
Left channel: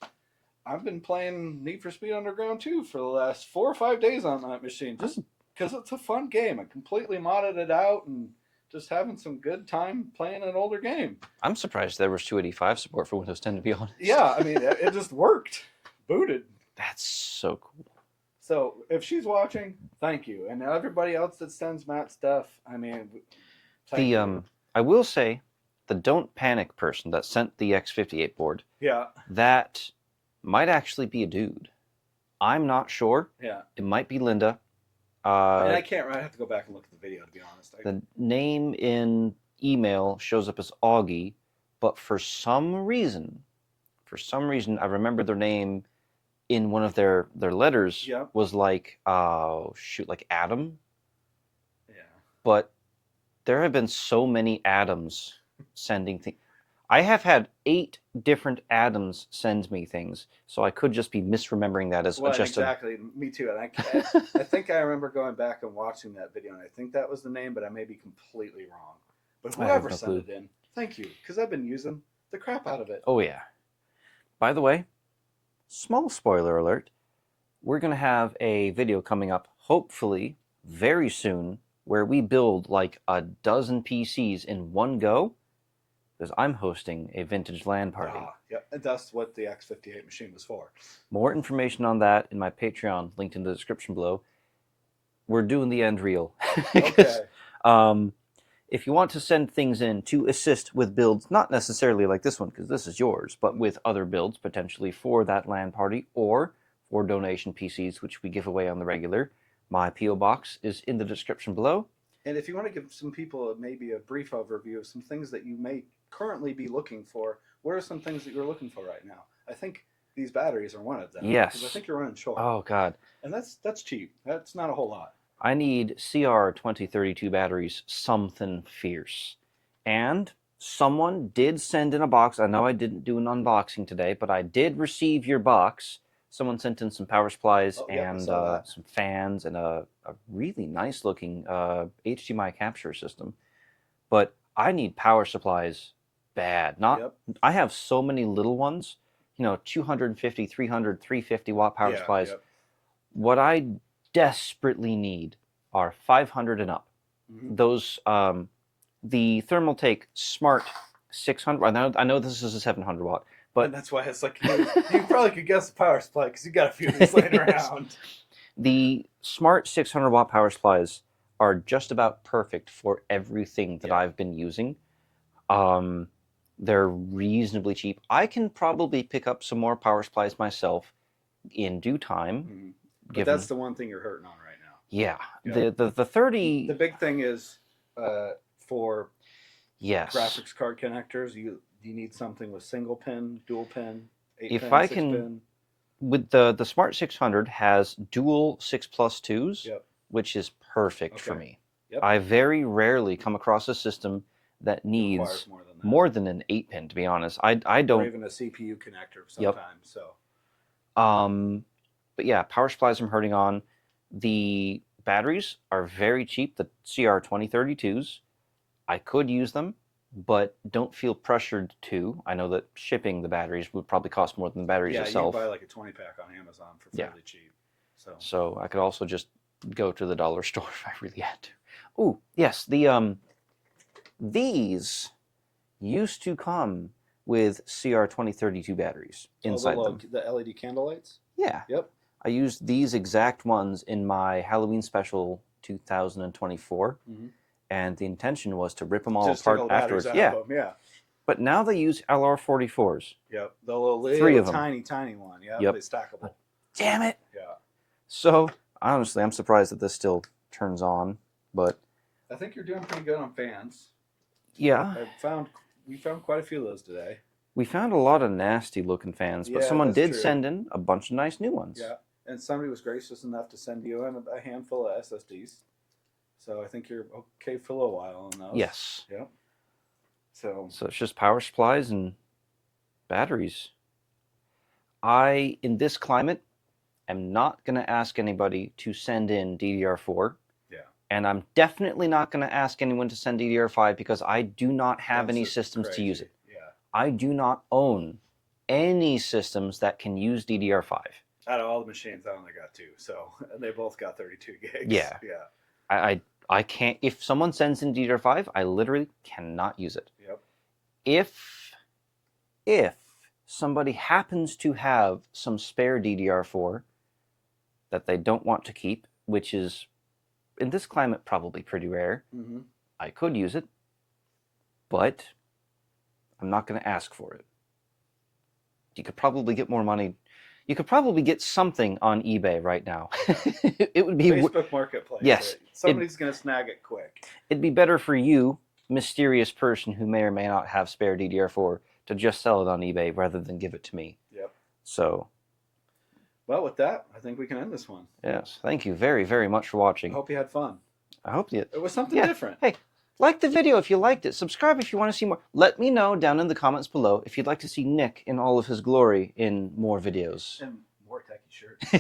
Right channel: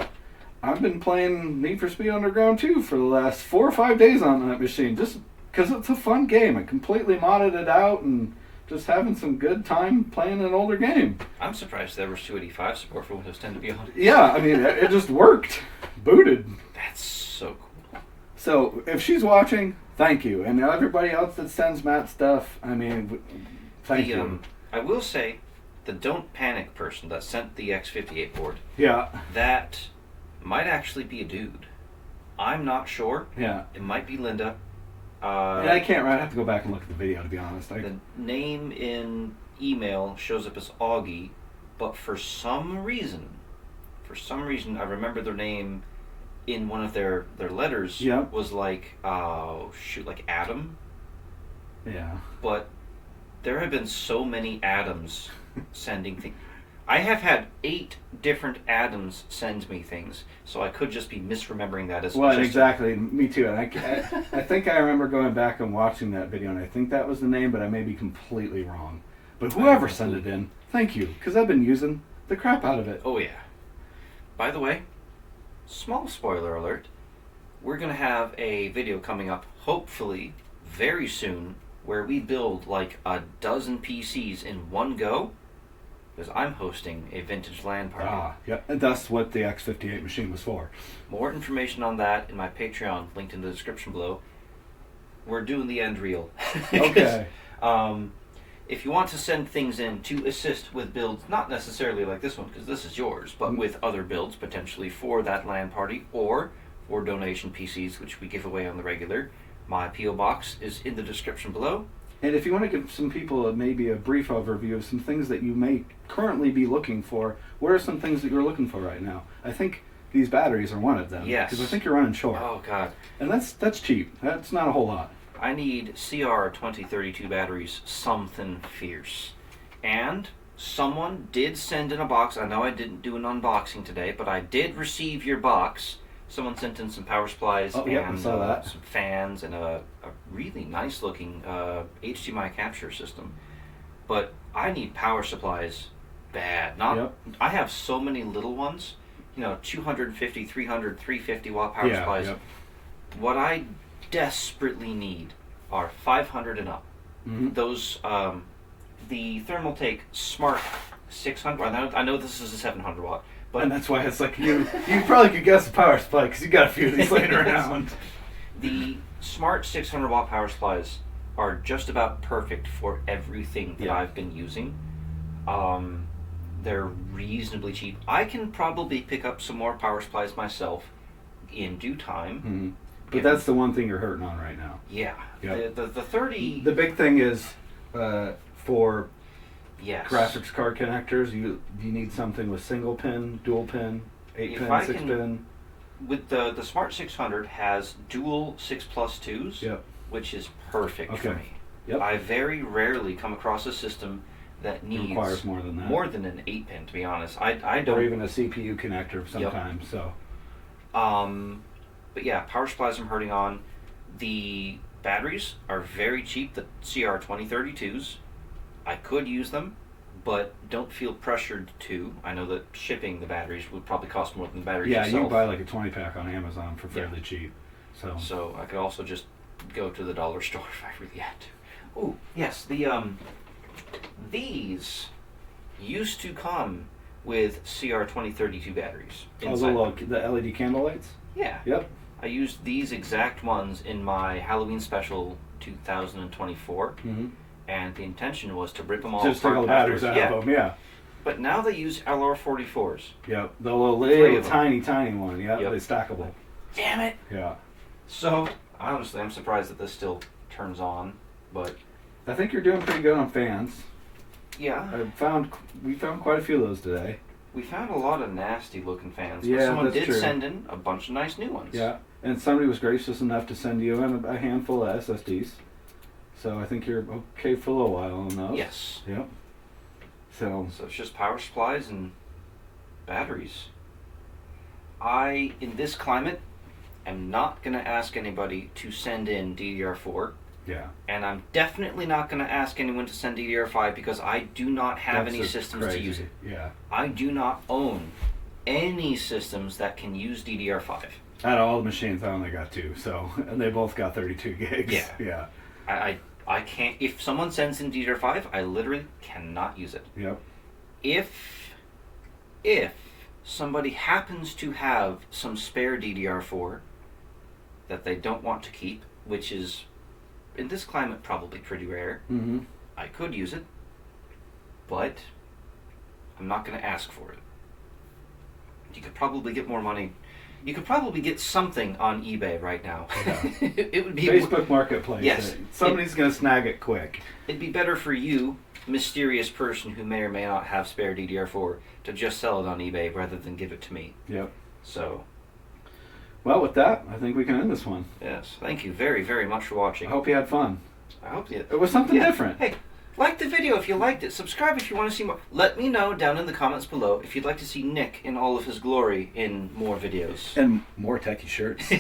I've been playing Need for Speed Underground 2 for the last 4 or 5 days on that machine, just because it's a fun game. I completely modded it out and just having some good time playing an older game. I'm surprised there was 285 support for Windows 10, to be honest. Yeah, I mean, it just worked. Booted. That's so cool. So, if she's watching, thank you. And everybody else that sends Matt stuff, I mean, thank you. I will say, the Don't Panic person that sent the X58 board, Yeah, that might actually be a dude. I'm not sure. yeah. It might be Linda. And I can't, I have to go back and look at the video, to be honest. The name in email shows up as Augie, but for some reason, I remember their name in one of their letters Yeah. was like, like Adam. Yeah. But there have been so many Adams sending things. I have had 8 different Adams send me things, so I could just be misremembering that as Well, just exactly. Me too. And I think I remember going back and watching that video, and I think that was the name, but I may be completely wrong. But whoever sent it in, thank you, because I've been using the crap out of it. Oh yeah. By the way, small spoiler alert, we're going to have a video coming up, hopefully, very soon, where we build like a dozen PCs in one go, because I'm hosting a vintage LAN party. Yeah, and that's what the X58 machine was for. More information on that in my Patreon, linked in the description below. We're doing the end reel. Okay. If you want to send things in to assist with builds, not necessarily like this one, because this is yours, but with other builds potentially for that LAN party, or for donation PCs, which we give away on the regular, my P.O. box is in the description below. And if you want to give some people maybe a brief overview of some things that you may currently be looking for, what are some things that you're looking for right now? I think these batteries are one of them. Yes. Because I think you're running short. Oh, God. And that's cheap. That's not a whole lot. I need CR2032 batteries, something fierce. And someone did send in a box. I know I didn't do an unboxing today, but I did receive your box. Someone sent in some power supplies and some fans and a really nice looking HDMI capture system. But I need power supplies bad. Not. Yep. I have so many little ones. 250, 300, 350 watt power supplies. Yep. What I desperately need are 500 and up. Mm-hmm. Those, the Thermaltake Smart 600. I know this is a 700 watt, but And that's why it's like you probably could guess the power supply because you got a few of these laying around. the Smart 600 watt power supplies are just about perfect for everything that I've been using. They're reasonably cheap. I can probably pick up some more power supplies myself in due time. Mm-hmm. But that's the one thing you're hurting on right now. Yeah. Yep. The 30. The big thing is for Yes. graphics card connectors, you need something with single pin, dual pin, 8 If pin, I 6 can- pin. With the Smart 600 has dual 6+2s, Yep. which is perfect for Okay. me. Yep. I very rarely come across a system that needs Requires more than that. more than an 8-pin, to be honest. I Or don't. even a CPU connector sometimes. So But yeah, power supplies I'm hurting on. The batteries are very cheap. The CR2032s, I could use them, but don't feel pressured to. I know that shipping the batteries would probably cost more than the batteries yeah, you itself. can buy like a 20-pack on Amazon for fairly cheap. So I could also just go to the dollar store if I really had to. Oh, yes, these used to come with CR2032 batteries inside them. The LED candle lights? Yeah. Yep. I used these exact ones in my Halloween special 2024, and the intention was to rip them all Just take apart all the batteries afterwards. out of them, yeah. But now they use LR44s. Yep. The little, Three of them. tiny one. Yep. Yep. They're stackable. Damn it! Yeah. So, honestly, I'm surprised that this still turns on, but I think you're doing pretty good on fans. yeah. We found quite a few of those today. We found a lot of nasty looking fans, but Yeah, someone that's did true. send in a bunch of nice new ones. Yeah. And somebody was gracious enough to send you in a handful of SSDs. So I think you're okay for a little while on those. Yes. Yep. So So it's just power supplies and batteries. In this climate, am not going to ask anybody to send in DDR4. yeah. And I'm definitely not going to ask anyone to send DDR5 because I do not have That's any just systems crazy. to use it. Yeah. I do not own any systems that can use DDR5. Out of all the machines, I only got 2. So, and they both got 32 gigs. Yeah. Yeah. I can't. If someone sends in DDR5, I literally cannot use it. Yep. If somebody happens to have some spare DDR4 that they don't want to keep, which is in this climate probably pretty rare, Mm-hmm. I could use it, but I'm not going to ask for it. You could probably get more money. You could probably get something on eBay right now. Yeah. It would be Facebook Marketplace. Yes. Somebody's going to snag it quick. It'd be better for you, mysterious person who may or may not have spare DDR4, to just sell it on eBay rather than give it to me. Yep. So, Well, with that, I think we can end this one. yes, thank you very, very much for I watching. hope you had fun. I hope you... It was something Yeah. different. Hey, like the video if you liked it. Subscribe if you want to see more. Let me know down in the comments below if you'd like to see Nick in all of his glory in more videos. And more techie shirts.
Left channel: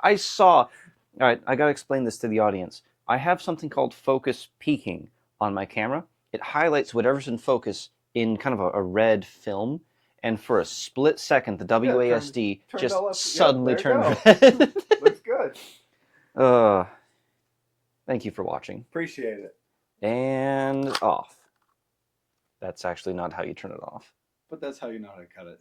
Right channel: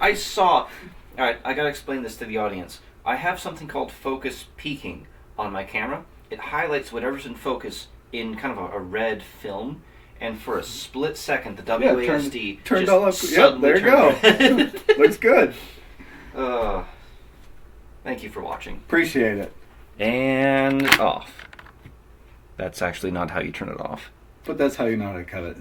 I saw... Alright, I gotta explain this to the audience. I have something called focus peaking on my camera. It highlights whatever's in focus in kind of a red film. And for a split second, the WASD turned just all up. suddenly Yep, there you turned red. Looks good. Thank you for watching. Appreciate it. And off. That's actually not how you turn it off. But that's how you know how to cut it.